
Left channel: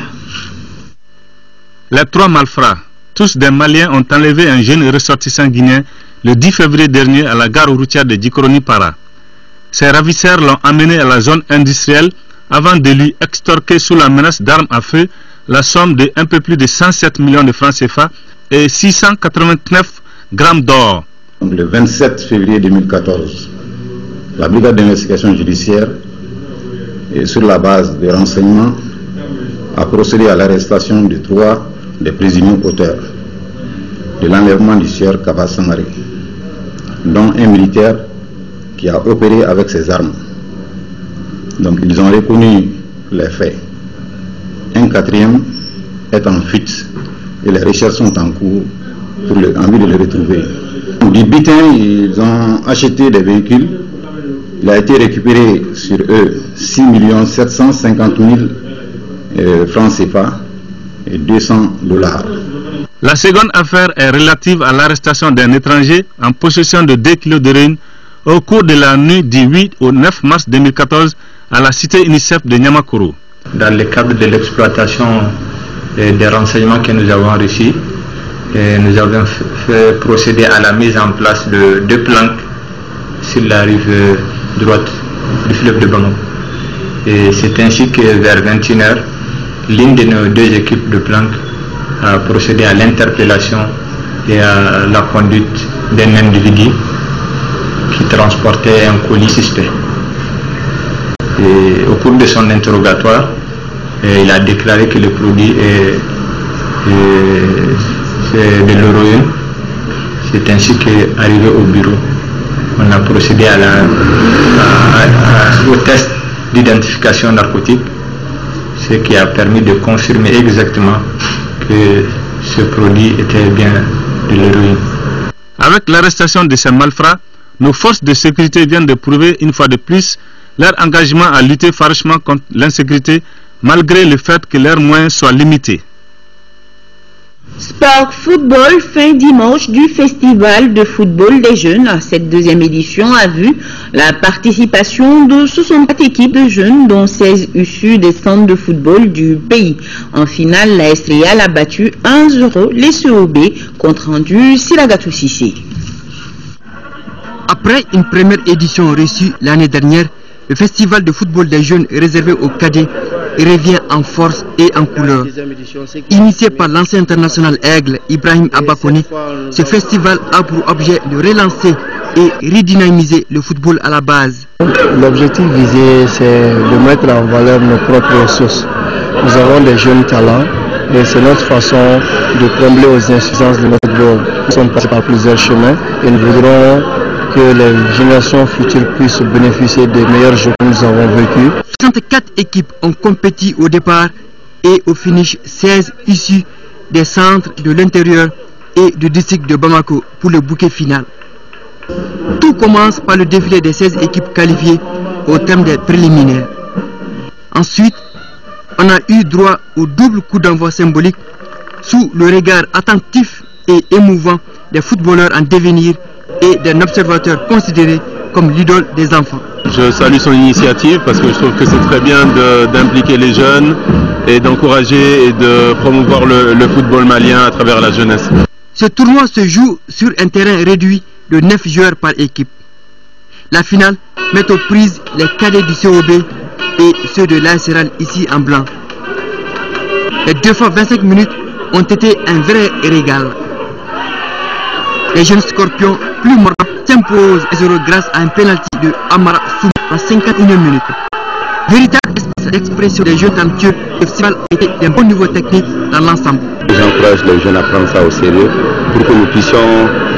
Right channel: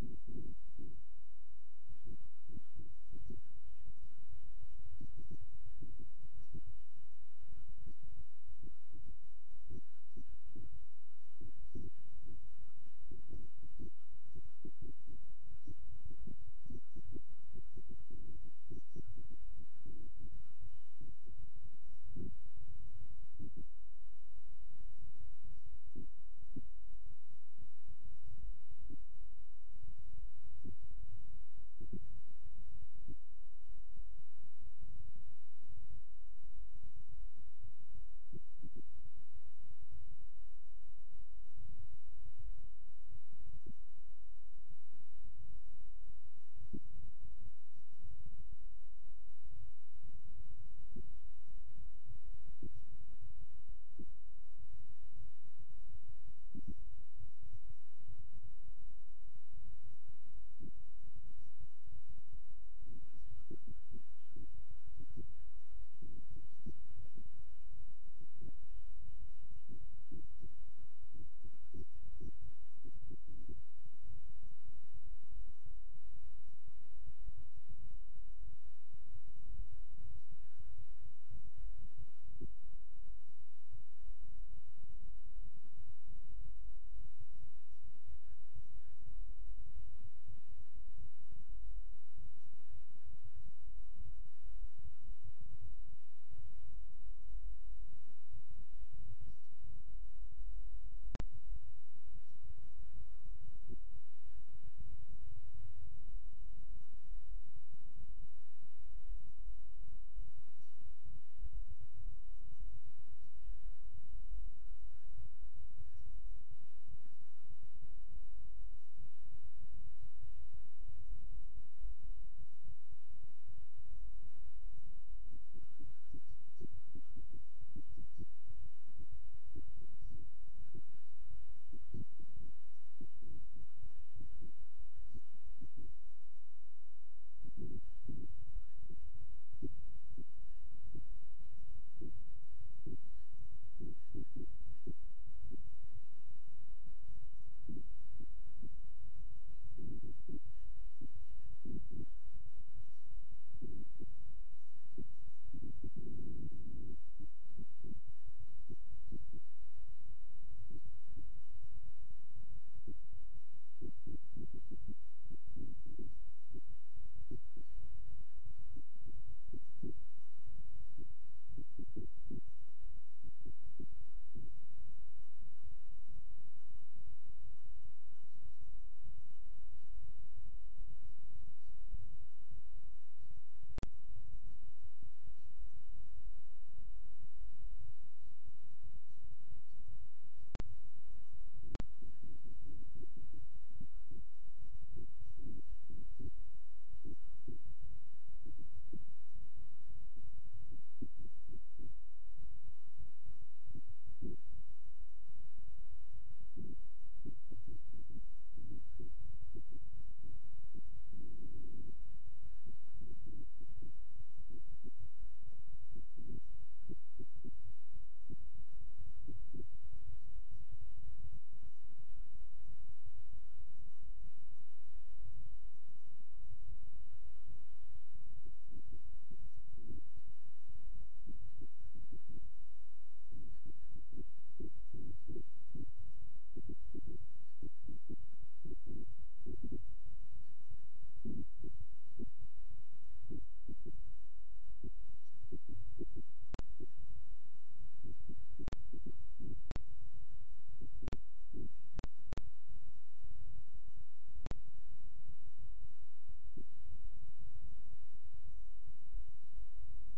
Les 3 malfrats, tous des Maliens, ont enlevé un jeune ressortissant guinéen le 10 février dernier à la gare routière de Djikroni-Para. Ces ravisseurs l'ont amené à la zone industrielle avant de lui extorquer sous la menace d'armes à feu la somme de un peu plus de 107 millions de francs CFA et 689 grammes d'or. Le 27 février 2014, la brigade d'investigation judiciaire, et sur la base des renseignements, a procédé à l'arrestation de 3 des présumés auteurs de l'enlèvement du sieur Kaba Sangaré dont un militaire qui a opéré avec ses armes. Donc ils ont reconnu les faits. Un quatrième est en fuite et les recherches sont en cours pour en vue de le retrouver. Du butin, ils ont acheté des véhicules. Il a été récupéré sur eux 6 750 000 francs CFA et 200 $. La seconde affaire est relative à l'arrestation d'un étranger en possession de 2 kg d'héroïne au cours de la nuit du 8 au 9 mars 2014 à la cité UNICEF de Niamakuru. Dans le cadre de l'exploitation des renseignements que nous avons reçus, nous avons fait procéder à la mise en place de 2 planques sur la rive droite du fleuve de Bamako. Et c'est ainsi que vers 21h, l'une de nos 2 équipes de planques a procédé à l'interpellation et à la conduite d'un individu qui transportait un colis suspect. Et au cours de son interrogatoire, il a déclaré que le produit est de l'héroïne. C'est ainsi qu'arrivé au bureau, on a procédé au test d'identification narcotique, ce qui a permis de confirmer exactement que ce produit était bien de l'héroïne. Avec l'arrestation de ces malfrats, nos forces de sécurité viennent de prouver une fois de plus leur engagement à lutter farouchement contre l'insécurité, malgré le fait que leurs moyens soient limités. Sport Football, fin dimanche du Festival de football des jeunes. Cette deuxième édition a vu la participation de 64 équipes de jeunes, dont 16 issues des centres de football du pays. En finale, la Real a battu 1-0 les COB, compte rendu Siragatou Sissé. Après une première édition reçue l'année dernière, le Festival de football des jeunes réservé aux cadets revient en force et en couleur. Initié par l'ancien international Aigle Ibrahim Abakoni, ce festival a pour objet de relancer et redynamiser le football à la base. L'objectif visé, c'est de mettre en valeur nos propres ressources. Nous avons des jeunes talents et c'est notre façon de combler aux insuffisances de notre football. Nous sommes passés par plusieurs chemins et nous voudrons que les générations futures puissent bénéficier des meilleurs jeux que nous avons vécus. 64 équipes ont compéti au départ et au finish 16 issues des centres de l'intérieur et du district de Bamako pour le bouquet final. Tout commence par le défilé des 16 équipes qualifiées au terme des préliminaires. Ensuite, on a eu droit au double coup d'envoi symbolique sous le regard attentif et émouvant des footballeurs en devenir et d'un observateur considéré comme l'idole des enfants. Je salue son initiative parce que je trouve que c'est très bien d'impliquer les jeunes et d'encourager et de promouvoir le football malien à travers la jeunesse. Ce tournoi se joue sur un terrain réduit de 9 joueurs par équipe. La finale met aux prises les cadets du COB et ceux de l'ASRL ici en blanc. Les 2 fois 25 minutes ont été un vrai régal. Les jeunes scorpions plus mordants s'imposent 0 grâce à un penalty de Amara Soum à 51e minute. Véritable espace d'expression des jeux talentueux, le festival a été d'un bon niveau technique dans l'ensemble. J'encourage les jeunes à prendre ça au sérieux pour que nous puissions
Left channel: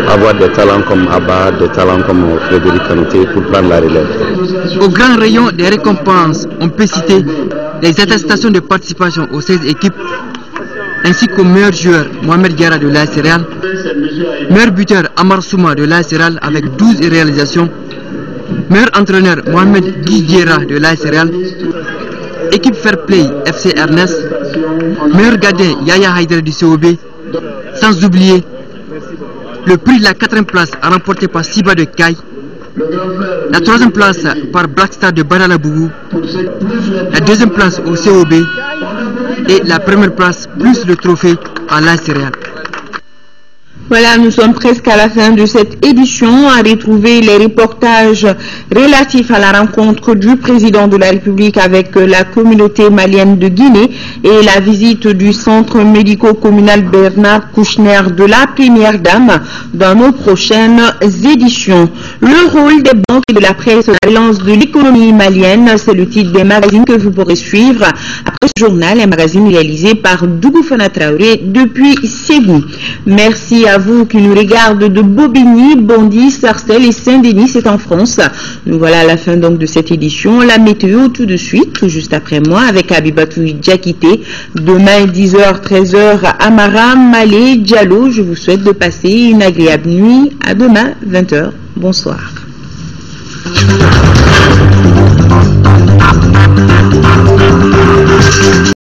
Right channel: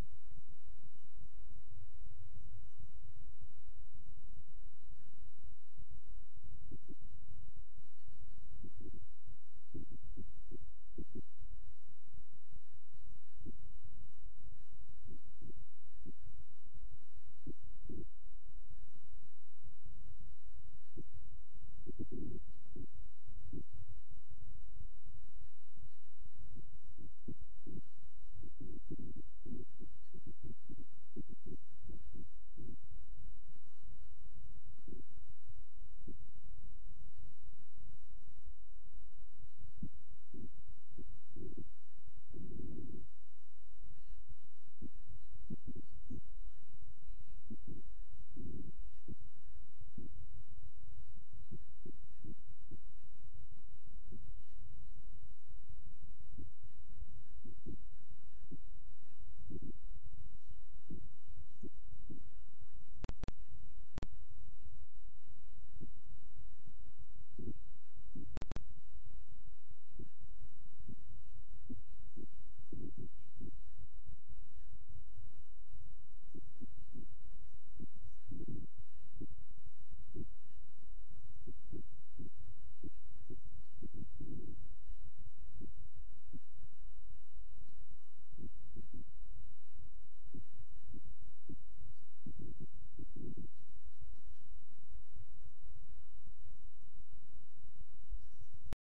avoir des talents comme Abba, des talents comme Frédéric Kanouté pour prendre la relève. Au grand rayon des récompenses, on peut citer les attestations de participation aux 16 équipes, ainsi qu'au meilleur joueur Mohamed Diarra de l'AS Real, meilleur buteur Amar Souma de l'AS Real avec 12 réalisations, meilleur entraîneur Mohamed Guidiera de l'AS Real, équipe Fair Play FC Ernest, meilleur gardien Yaya Haïdara du COB, sans oublier le prix de la 4e place remporté par Siba de Kai, la 3e place par Blackstar de Badalabougou, la 2e place au COB et la 1re place plus le trophée à l'AS Real. Voilà, nous sommes presque à la fin de cette édition. À retrouver les reportages relatifs à la rencontre du président de la République avec la communauté malienne de Guinée et la visite du centre médico-communal Bernard Kouchner de la première dame dans nos prochaines éditions. Le rôle des banques et de la presse dans la relance de l'économie malienne, c'est le titre des magazines que vous pourrez suivre après ce journal, un magazine réalisé par Dougou Fana Traoré depuis Ségou. Merci à vous vous qui nous regardez de Bobigny, Bondy, Sarcelles et Saint-Denis, c'est en France. Nous voilà à la fin donc de cette édition. La météo tout de suite, tout juste après moi, avec Abibatou Diakité. Demain, 10h, 13h, Amara, Malé, Diallo. Je vous souhaite de passer une agréable nuit. À demain, 20h. Bonsoir.